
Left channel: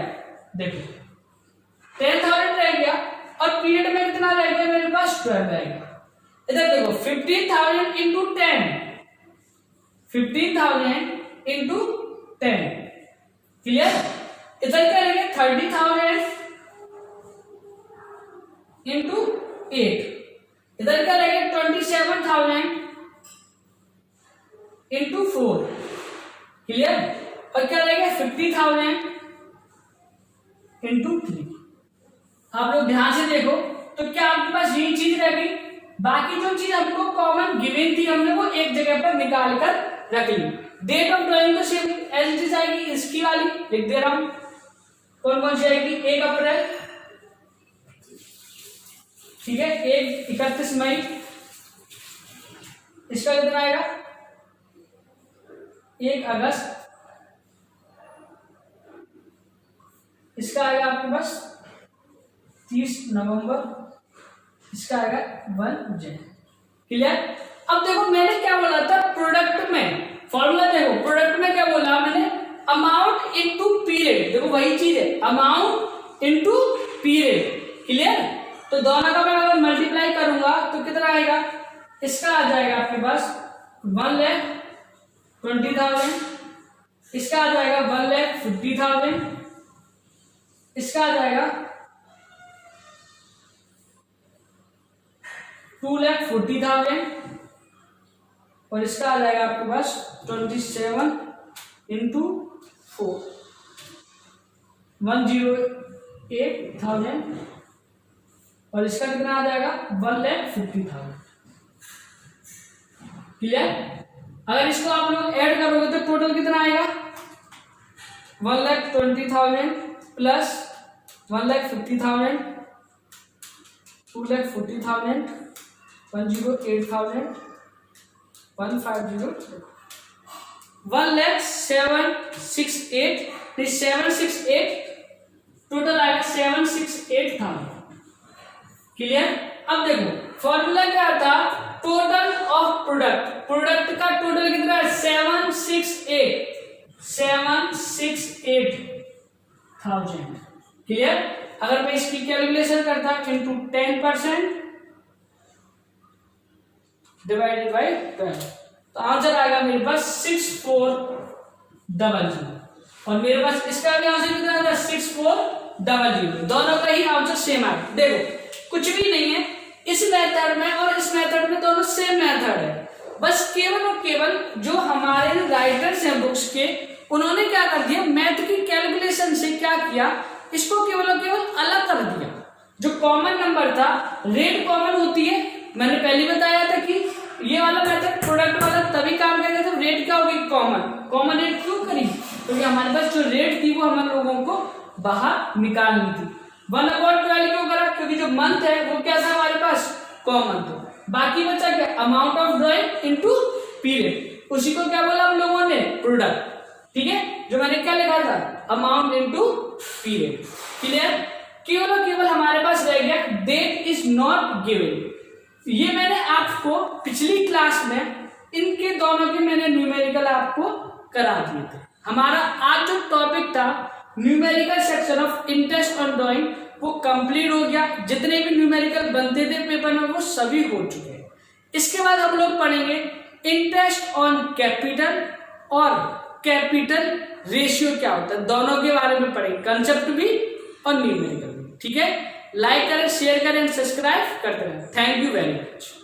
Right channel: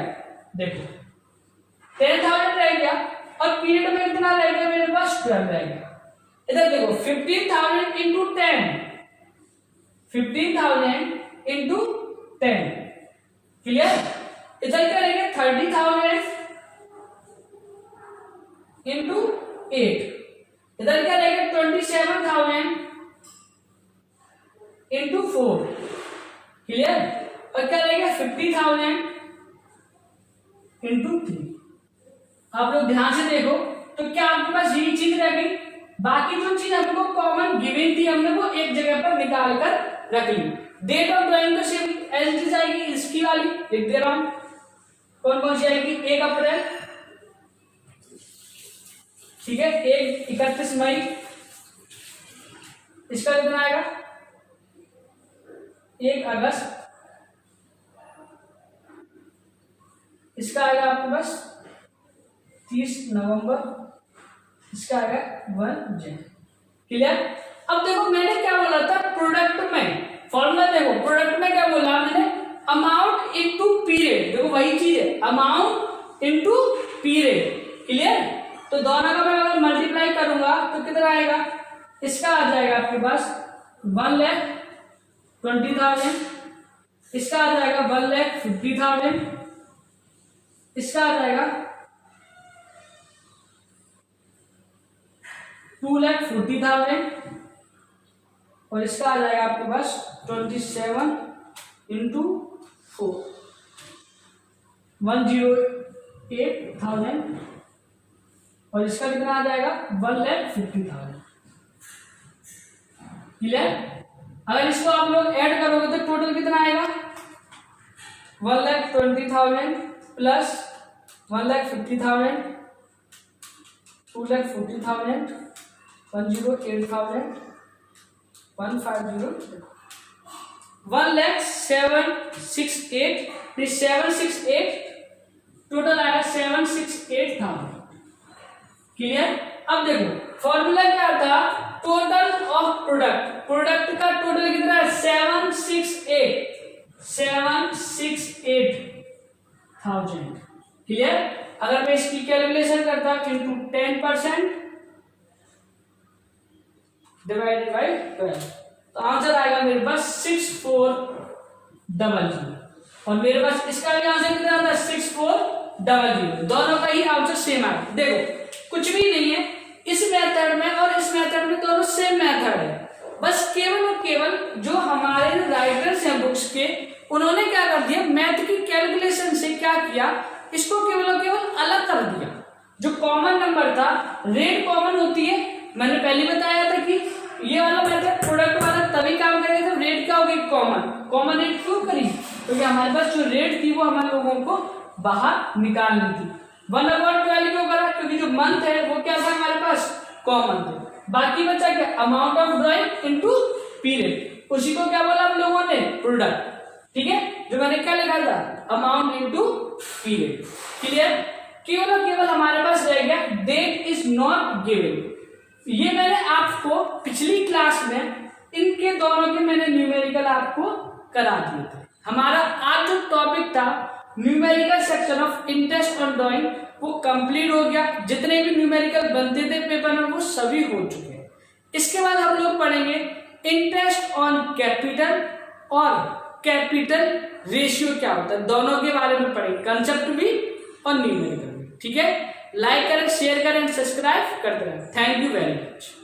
देखो 10,000 रह गया और पीरियड में कितना रह गया मेरे पास 12 रह गया। इधर देखो 15,000 इंटू 10, 15,000 इंटू 10, क्लियर। इधर क्या रह गया 30,000 इंटू 8, इधर क्या रह गया 27,000 इंटू 4, क्लियर। और क्या रह गया 50,000 इंटू 3। आप लोग ध्यान से देखो तो क्या आपके पास यही चीज रह गई, बाकी जो चीज हमको कॉमन गिवन थी हमने वो एक जगह पर निकाल कर रख ली। डेट ऑफ ड्राइंग तो सेम एज इट इज आएगी, इसकी वाली लिख दे रहा हूं। कौन कौन सी आएगी 1 अप्रैल, ठीक है, 31 मई, इसका कितना आएगा 1 अगस्त, इसका आएगा आपके पास 30 नवंबर, इसका आएगा 1 जनवरी, क्लियर। अब देखो मैंने क्या बोला था प्रोडक्ट में, फॉर्मूला देखो प्रोडक्ट में क्या बोला मैंने, अमाउंट इनटू पीरियड, देखो वही चीज है अमाउंट इनटू पीरियड, क्लियर। तो दोनों का मैं अगर मल्टीप्लाई करूंगा तो कितना आएगा, इसका आ जाएगा आपके पास 1 लाख 20,000, इसका आ जाएगा 1,50,000, इसका आ जाएगा 2,40,000 और इसका आ जाएगा आपके पास 27 इंटू 4 108,000 और इसका कितना आ जाएगा 1,50,000। क्लियर? अगर इसको आप लोग ऐड करोगे तो टोटल कितना आएगा 1,20,000 प्लस 1,50,000 2,40,000 108,000 150 1,768 768 टोटल आएगा 768,000। क्लियर? अब देखो फॉर्मूला क्या था, टोटल ऑफ प्रोडक्ट का टोटल कितना है 768,000। क्लियर? अगर मैं इसकी कैलकुलेशन करता इंटू 10% डिवाइडेड बाई 12 तो आंसर आएगा मेरे पास 6400 और मेरे पास इसका भी आंसर कितना था 6400। दोनों का ही आंसर सेम है। देखो कुछ भी नहीं है इस मेथड में और इस मेथड में, दोनों सेम मेथड है। बस केवल और केवल जो हमारे राइटर्स हैं बुक्स के, उन्होंने क्या कर दिया मैथ की कैलकुलेशन से क्या किया, इसको केवल और केवल अलग कर दिया। जो कॉमन नंबर था, रेट कॉमन होती है, मैंने पहले बताया था कि ये वाला मेथड प्रोडक्ट वाला तभी काम करेगा जब रेट क्या होगी कॉमन रेट क्यों करी, क्योंकि हमारे पास जो रेट थी वो हमारे लोगों को बाहर निकालनी थी। 1/12 क्यों करा, क्योंकि जो मंथ है वो क्या था हमारे पास कॉमन थे। बाकी बचा क्या amount of drawing into period, उसी को क्या बोला हम लोगों ने प्रोडक्ट। ठीक है, जो मैंने क्या लिखा था अमाउंट इनटू पीरियड। क्लियर? केवल और केवल हमारे पास रह गया डेट इज नॉट गिवन। ये मैंने आपको पिछली क्लास में इनके दोनों के मैंने न्यूमेरिकल आपको करा दिए थे। हमारा आज जो टॉपिक था numerical section of interest on drawing वो कंप्लीट हो गया। जितने भी न्यूमेरिकल बनते थे पेपर में वो सभी हो चुके हैं। इसके बाद हम लोग पढ़ेंगे इंटरेस्ट ऑन कैपिटल और कैपिटल रेशियो क्या होता है, दोनों के बारे में पढ़ेंगे, कंसेप्ट भी और न्यूमेरिकल भी। ठीक है, लाइक करें, शेयर करें, सब्सक्राइब करते रहें। Thank you very much.